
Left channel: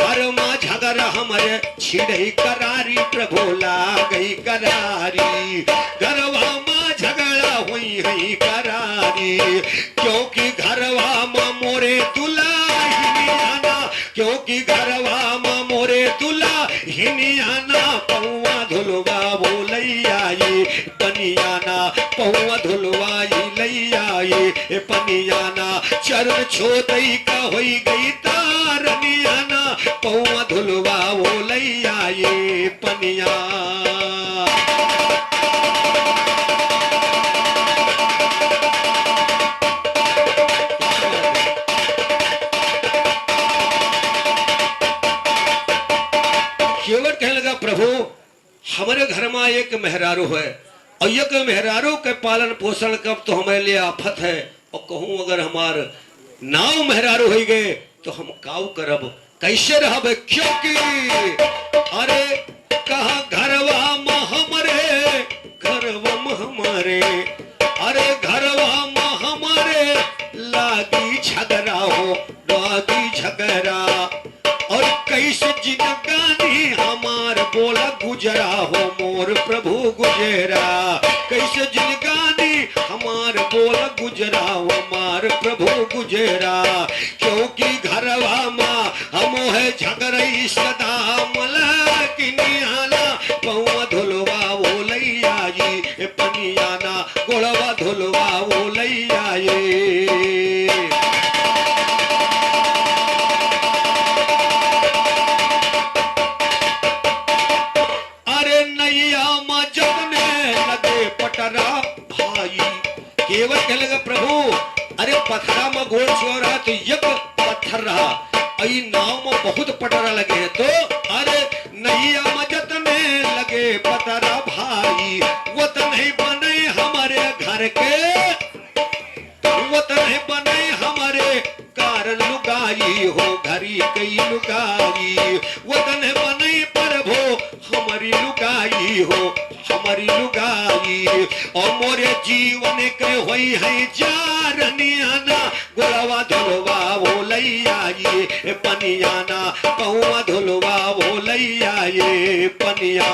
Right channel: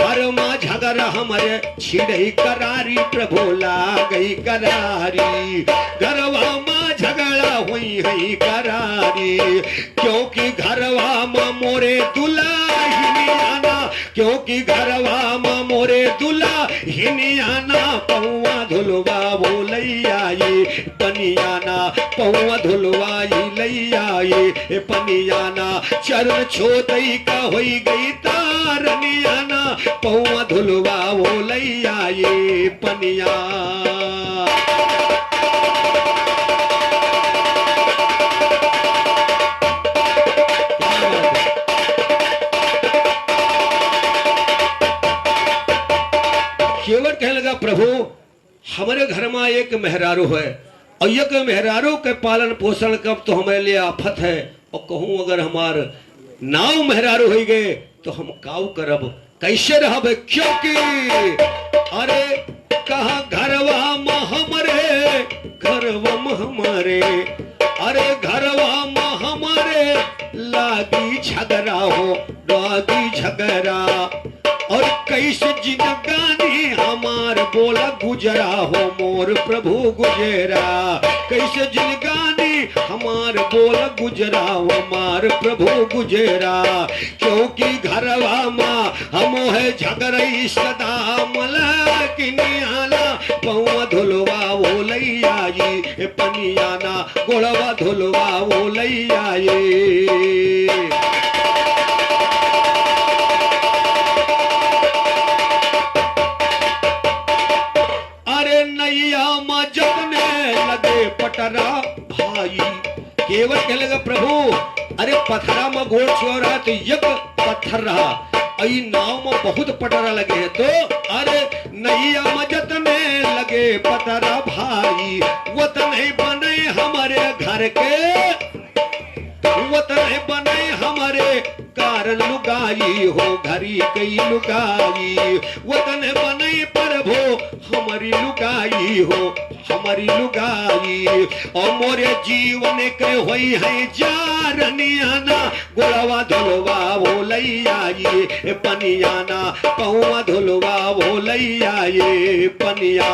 कर्मा झगड़ा हमारे छिड़ई करारी, प्रभु ला गई करारी, घरवा माँ झगड़ा हुई है करारी, क्योंकि घरवा माँ मोरे दुल्हा, क्योंकि घरवा माँ मोरे दुल्हा हिनियाना, पौवा धुलवा बोलैया ये पनियाना, पौवा धुलवा लैया ये पनियाना, चरण छोतई का होई गई तारनियाना, पौवा धुलवा बोलैया ये पनिया। केवट कहने लगा, प्रभु हमारे घर में एक मेहरारू है और एक मेहरारू के पालन पोषण कब तो हमारे लिए आफत है, और कहूं अगर हमार नाव मेहरारू हो गए तो हम काऊ करब, कैसे रहब, क्योंकि अरे कहा घरवा में हमारे, घरवा में हमारे, अरे घरवा में हमारे लागी झगड़ा हो, लागी झगड़ा, और कैसे जिंदगानी हमार बोला गुजरा हो मोर प्रभु गुजरा, कैसे जिंदगानी हमार बोला गुजरा हो हमार प्रभु गुजरा, क्योंकि घरवा माँ हम है झगड़ई सदा मलकिनियाना, पौवा धुलवा वो लैया ये पनियाना, गोड़वा धुलवा वो लैया ये। पटरा भाई केवल कहने लगा, प्रभु अरे पथरा में गोल छुआ रहा तो एक पत्थर रहा, आई नाव में बहुत पटरा लगे हैं, तो अरे नैया मजत में लगे पटरा भाई, वतन ही बने हमारे घर के, वतन ही बने हमारे कारण लुगाई हो, घरी कई लुगाई, वतन बने प्रभु हमारी लुगाई हो, हमारी लुगाई, और मोरे जीवन के होई है जारनियाना, गोड़वा धुलवा वो लैया ये पनियाना, पौवा धुलवा वो लैया ये पनिया।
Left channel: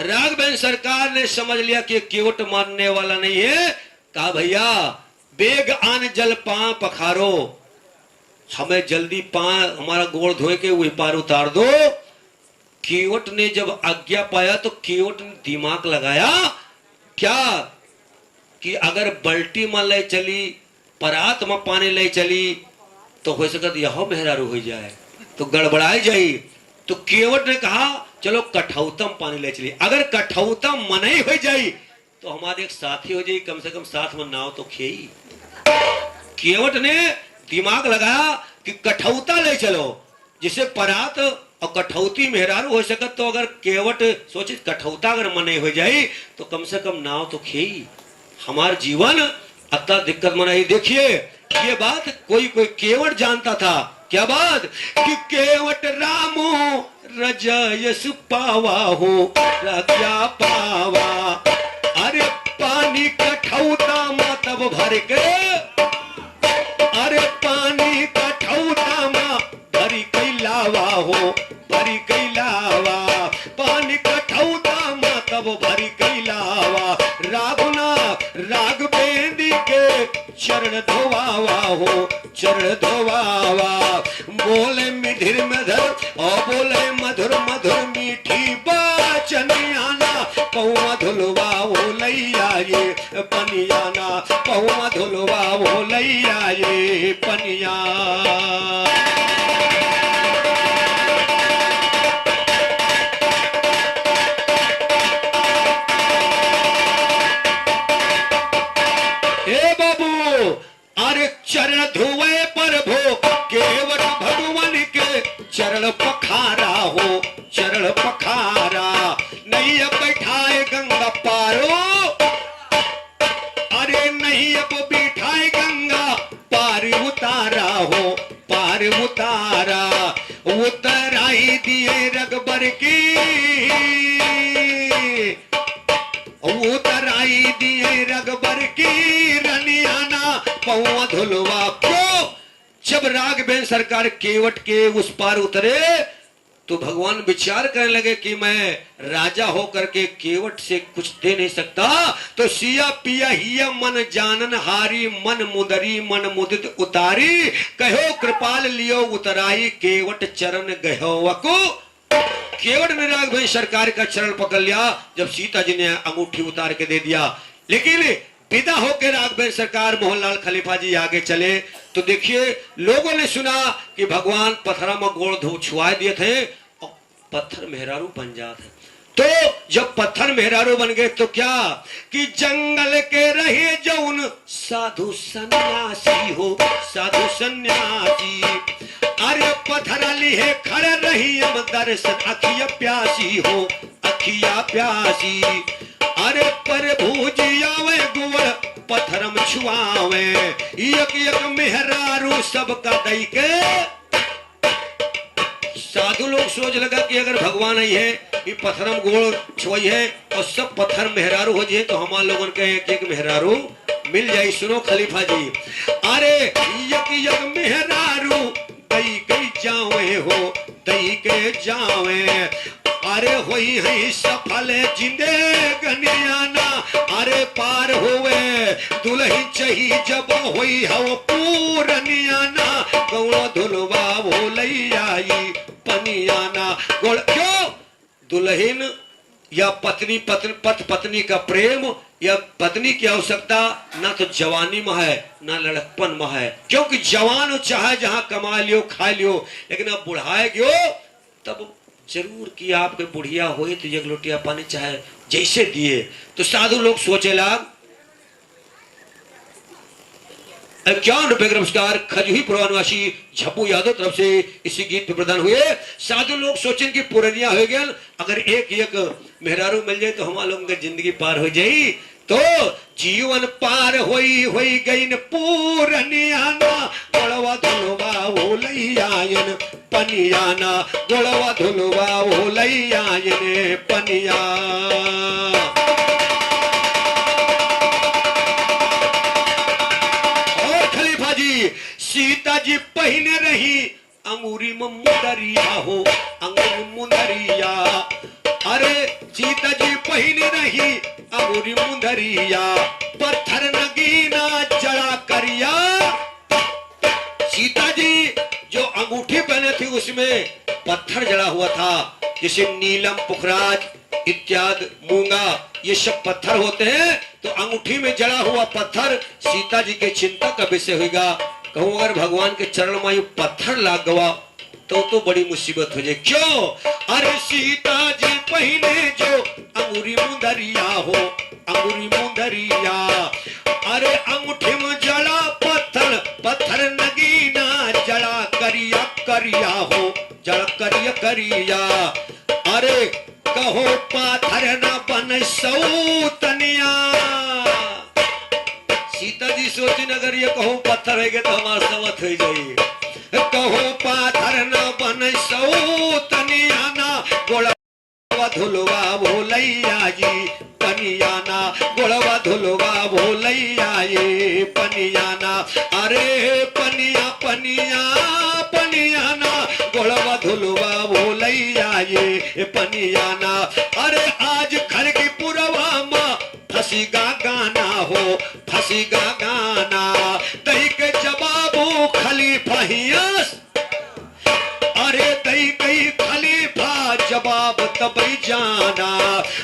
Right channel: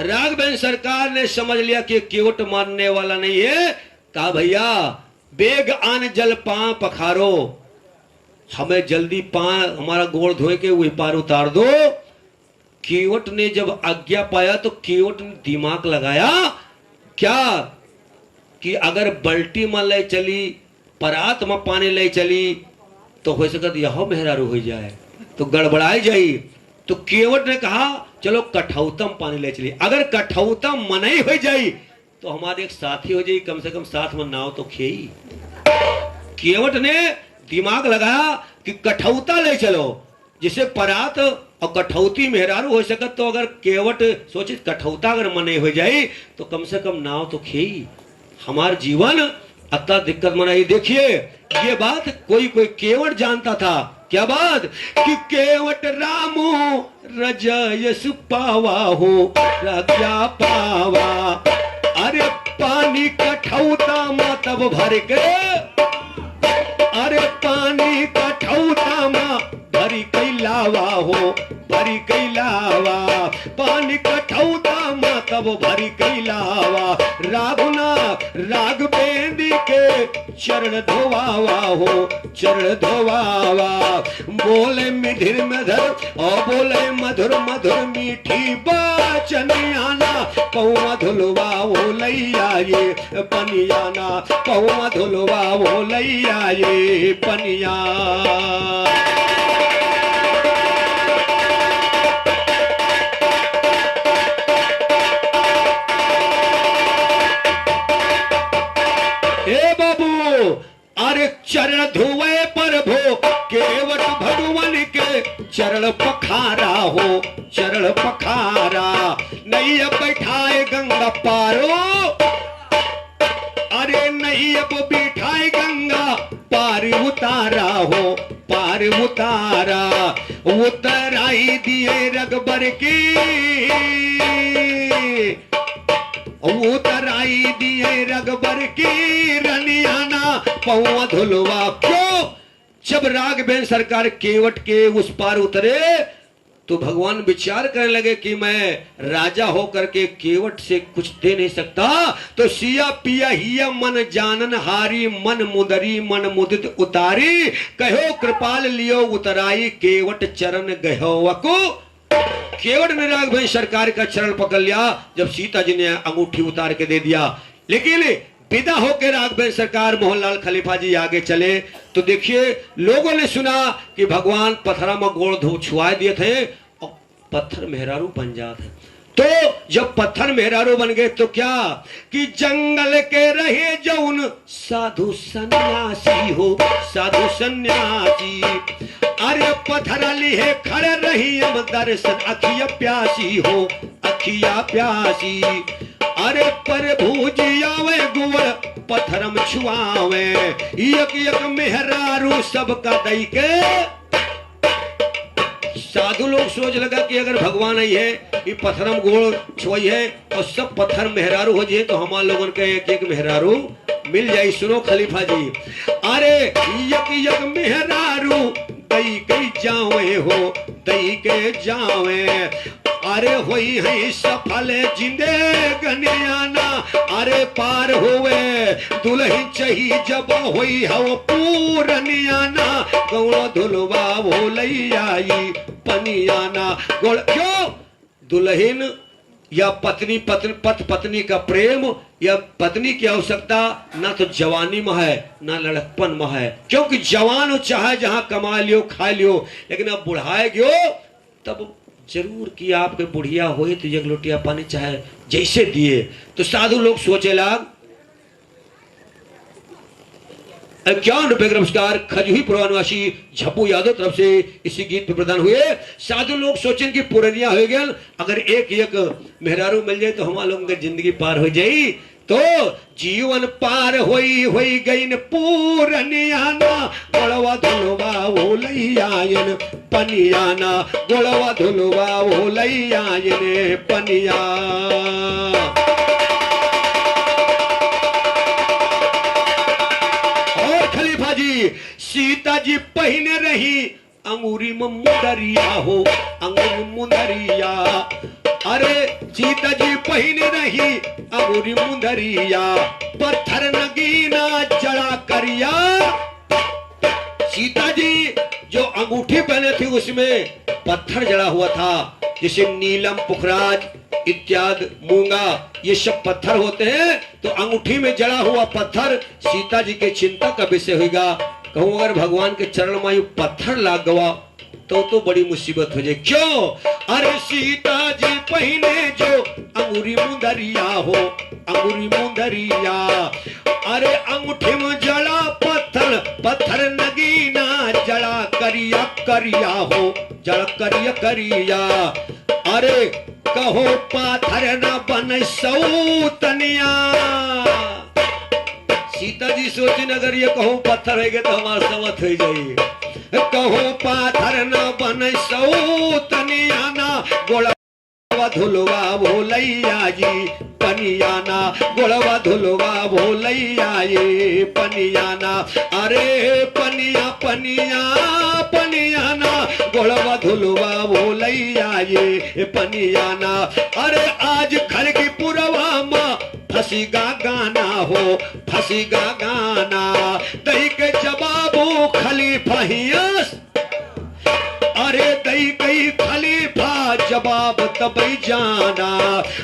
राघवेंद्र सरकार ने समझ लिया कि केवट मानने वाला नहीं है, कहा भैया बेग आन जल पां पखारो, हमें जल्दी पां हमारा गोड़ धोए के वही पार उतार दो। केवट ने जब आज्ञा पाया तो केवट ने दिमाग लगाया क्या कि अगर बल्टी में ले चली, परात में पानी ले चली तो हो सकता यह मेहरारू हो जाए, तो गड़बड़ाई जाई। तो केवट ने कहा चलो कठौतम पानी ले चलिए, अगर कठौतम मनई हो जाई तो हमारे एक साथी हो जाए, कम से कम साथ में नाव तो खेई। केवट ने दिमाग लगाया कि कठौता ले चलो, जिसे परात और कठौती मेहरारू हो सकत, तो अगर केवट सोचे कठौता अगर मनई हो जाए तो कम से कम नाव तो खेई, हमार जीवन अतः दिक्कत मनाई। देखिए ये बात कोई कोई केवट जानता था, क्या बात कि केवट रामो रजयस पावा हो राजा पावा, अरे पानी कठौता मा तब भर के, अरे पानी कठौता मा भरी कैलावा हो, भरी कैलावा, पानी कठौता मा तब भरी कैलावा, राघुना राग बेंदी के चरण धोवावा हो, चरण धोवावा, बोले मिधिर मधुर और बोले मधुर मधुर मीठी बाचनियाना, पौवा धुलवा वो लैया ये पनियाना, पौवा धुलवा वो लैया ये पनिया। चरण धुए पर भो केवट भगवान के हो चरण पखारा, नहीं अब बैठाए गंगा पारो, अरे नहीं अब बिठाए गंगा पार उतारा हो पार उतारा, उतराई दिए रगबर की, उतराई दिए रगबर की रनियाना पौआ धुलवा। क्यों? जब राघवेंद्र सरकार केवट के उस पार उतरे तो भगवान विचार करने लगे कि मैं राजा होकर के केवट से कुछ दे नहीं सकता, तो सिया पिया हिया मन जानन हारी, मन मुदरी मन मुदित उतारी, कहो कृपाल लियो उतराई केवट चरण गहो को। केवट ने राघवेंद्र सरकार का चरण पकड़ लिया जब सीता जी ने अंगूठी उतार के दे दिया। लेकिन विदा होकर राघवेंद्र सरकार मोहनलाल खलीफा जी आगे चले तो देखिए लोगों ने सुना कि भगवान पत्थर में गोड़ धो छुआ दिए थे और पत्थर मेहरारू बन जाते। तो जब पत्थर मेहरारू बन गए तो क्या कि जंगल के रहे जौन साधु सन्यासी हो साधु सन्यासी, अरे पत्थर लिहे खड़े रही हम दर्शन अखिया प्यासी हो अखिया प्यासी, अरे प्रभु जी आवे गुवर पत्थरम छुआवे, एक एक मेहरारू सबका दई के। साधु लोग सोच लगा कि अगर भगवान आई है ये पत्थरम गोड़ छुई है और सब पत्थर मेहरारू हो जाए तो हमारे लोगों के एक एक मेहरारू मिल जाए। सुनो खलीफा जी, अरे एक एक मेहरारू दई के जावे हो दई के जावे, अरे होई है सफल जिंदगानियाना, अरे पार होवे दुल्हन चही जब होई हो पूरनियाना, गौड़ धुलवा वो लई आई पनियाना। गोड़ क्यों? दुल्हन या पत्नी पत्नी का प्रेम या पत्नी की आवश्यकता ना तो जवानी में है ना लड़कपन में है, क्योंकि जवान हो चाहे जहां कमा लियो खा लियो, लेकिन अब बुढ़ाए गयो तब जरूर कि आपके बुढ़िया हुई तो एक लोटिया पानी चाहे जैसे दिए। तो साधु लोग सोचे लाग 51 रुपए का नमस्कार खजुही पुरवानवासी झप्पू यादव तरफ से इसी गीत पे प्रदान हुए। साधु लोग सोचें कि पुरनिया हो गया, अगर एक एक मेहरारू मिल जाए तो हमारे लोगों की जिंदगी पार हो जाए। तो जीवन पार होई गई न पूरनियाना, गोड़वा धुलवा वो लई आयन पनियाना, गोड़वा धुलवा वो लई आयन पनिया। सीता जी पहने रही अंगूरी में मुंदरिया हो अंगूरी मुंदरिया, अरे सीता जी पहने रही अंगूरी मुंदरिया, पत्थर नगीना जड़ा करिया। सीता जी जो अंगूठी पहने थी उसमें पत्थर जड़ा हुआ था, जैसे नीलम पुखराज इत्यादि मूंगा ये सब पत्थर होते हैं। तो अंगूठी में जड़ा हुआ पत्थर सीता जी के चिंता का विषय होगा। कहूं अगर भगवान के चरण में पत्थर लाग गवा तो बड़ी मुसीबत हो जाए। क्यों? अरे सीता जी पहने जो अंगूरी मुंदरिया हो अंगूरी मुंदरिया, अरे अंगूठी में जड़ा पत्थर पत्थर नगीना जड़ा करिया करिया हो जड़ा करिया करिया, अरे कहो पाथर न बन सौतनिया। सीता जी सोची अगर ये कहो पत्थर है तो हमारा समत हो जाइए, कहो पाथर न बन सौतनियाना, गोड़वा धुलवा भोलैया जी पनियाना, गोड़वा धुलवा भोलैया ये पनियाना, अरे पनिया पनिया पनियाना, गोड़वा धुलवा भोलैया ये पनियाना। अरे आज घर की पुरवा माँ फसीगा गाना हो फसीगा गाना, दही के जवाबो खलीफा हियस, अरे दही कई खलीफा जवाब तबई जाना,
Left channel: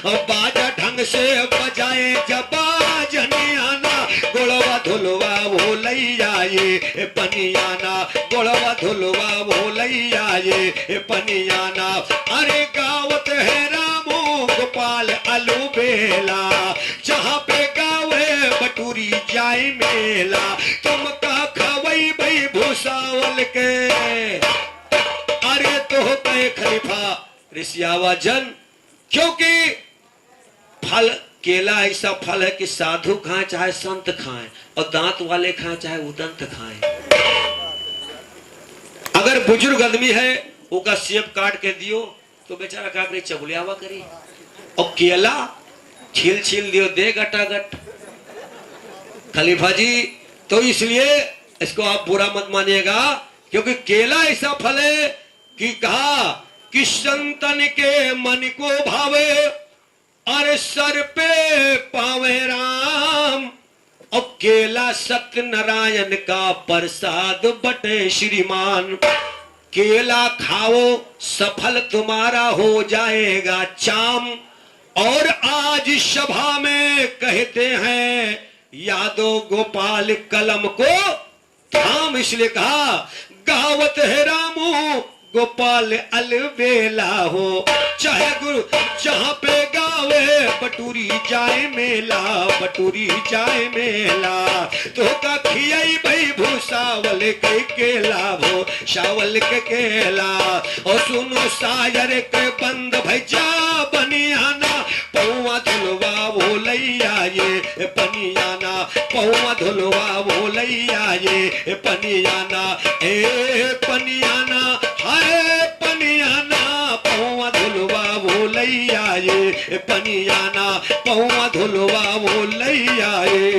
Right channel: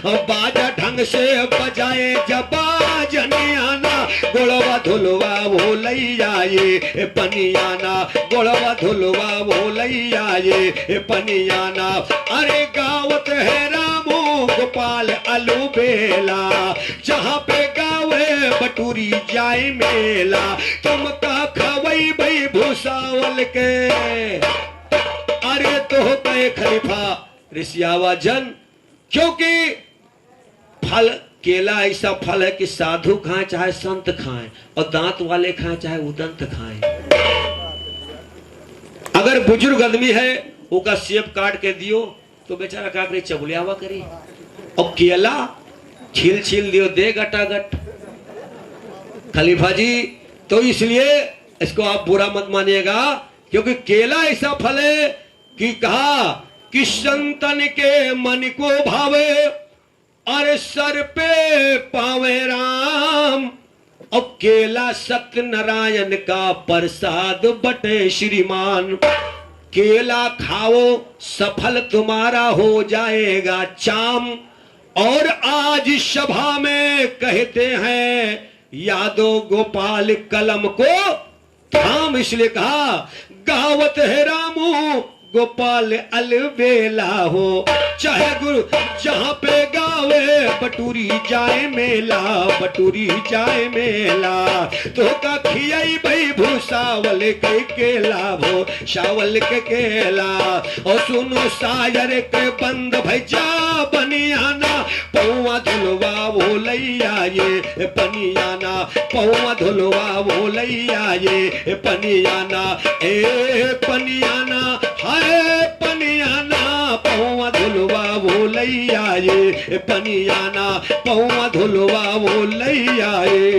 बाजा ढंग से बजाए जबा जनियाना, गोड़वा धुलवा भोलैया ये पनियाना, गोड़वा धुलवा भोलैया ये पनियाना। अरे गावत है रामो गोपाल अलू बेला, जहाँ पे गावे बटूरी जाए मेला, तुम का खवई भई भूसावल के, अरे तो हो गए खलीफा ऋषियावा जन, क्योंकि फल केला ऐसा फल है कि साधु खाएं चाहे संत खाएं, और दांत वाले खाएं चाहे उदंत खाएं। अगर बुजुर्ग आदमी है ओका सेब काट के दियो तो बेचारा का करे चबुलियावा करी, और केला छील छील दियो दे गटागट। खलीफा जी तो इसलिए इसको आप बुरा मत मानिएगा, क्योंकि केला ऐसा फल है कि कहा कि संतन के मन को भावे, अरे सर पे पावे राम, और केला सत्यनारायण का प्रसाद बटे श्रीमान। केला खाओ सफल तुम्हारा हो जाएगा चाम। और आज सभा में कहते हैं यादव गोपाल कलम को थाम, इसलिए कहा गावत है रामू गोपाल अलबेला हो, चाहे गुरु जहां पे गावे बटूरी जाए मेला, बटूरी जाए मेला। तो का खियाई भाई भूसावल के केला हो, शावल के केला। और सुनो सायर के बंद भैया बनियाना, पौवा धुलवा बोलैया ये पनियाना, पौवा धुलवा बोलैया ये पनियाना, ए पनियाना हाय पनियाना, पौवा धुलवा बोलैया ये पनियाना, पौवा धुलवा बोलैया ये।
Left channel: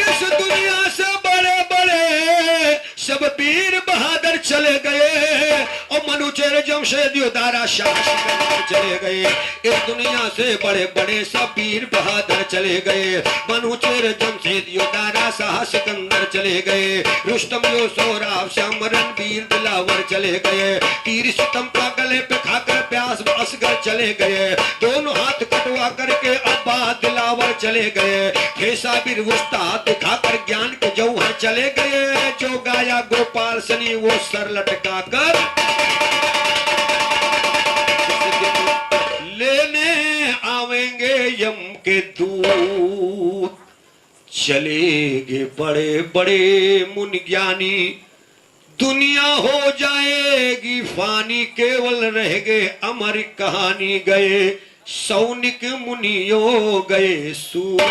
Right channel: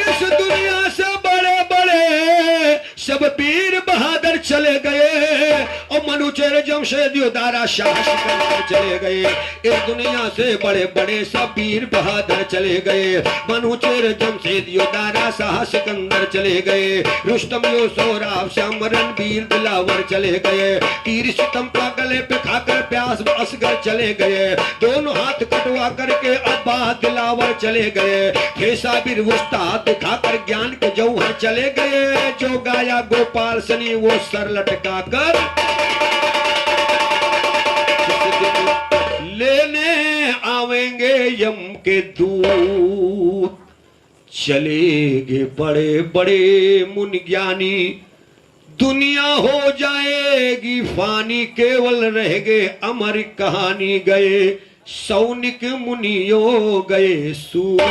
इस दुनिया से बड़े बड़े सब वीर बहादुर चले गए, और मनुचेर जमशेदियो दारा शाह सिकंदर चले गए। इस दुनिया से बड़े बड़े सब वीर बहादुर चले गए, मनुचेर जमशेदियो दारा शाह सिकंदर चले गए। रुस्तम यो सोराब श्याम रणवीर दिलावर चले गए। तीर सितम का गले पे खाकर प्यास असगर चले गए। दोनों हाथ कटवा करके अब्बा दिलावर चले गए। खेसा बीर उस्ताद दिखाकर ज्ञान के जौहर चले गए। जो गाया गोपाल सनी वो सर लटका कर लेने आवेंगे यम के दूत। चलेंगे बड़े बड़े मुनि ज्ञानी, दुनिया हो जाएगी फानी, केवल रह गए अमर कहानी। गए सौनिक मुनियो गए सूर।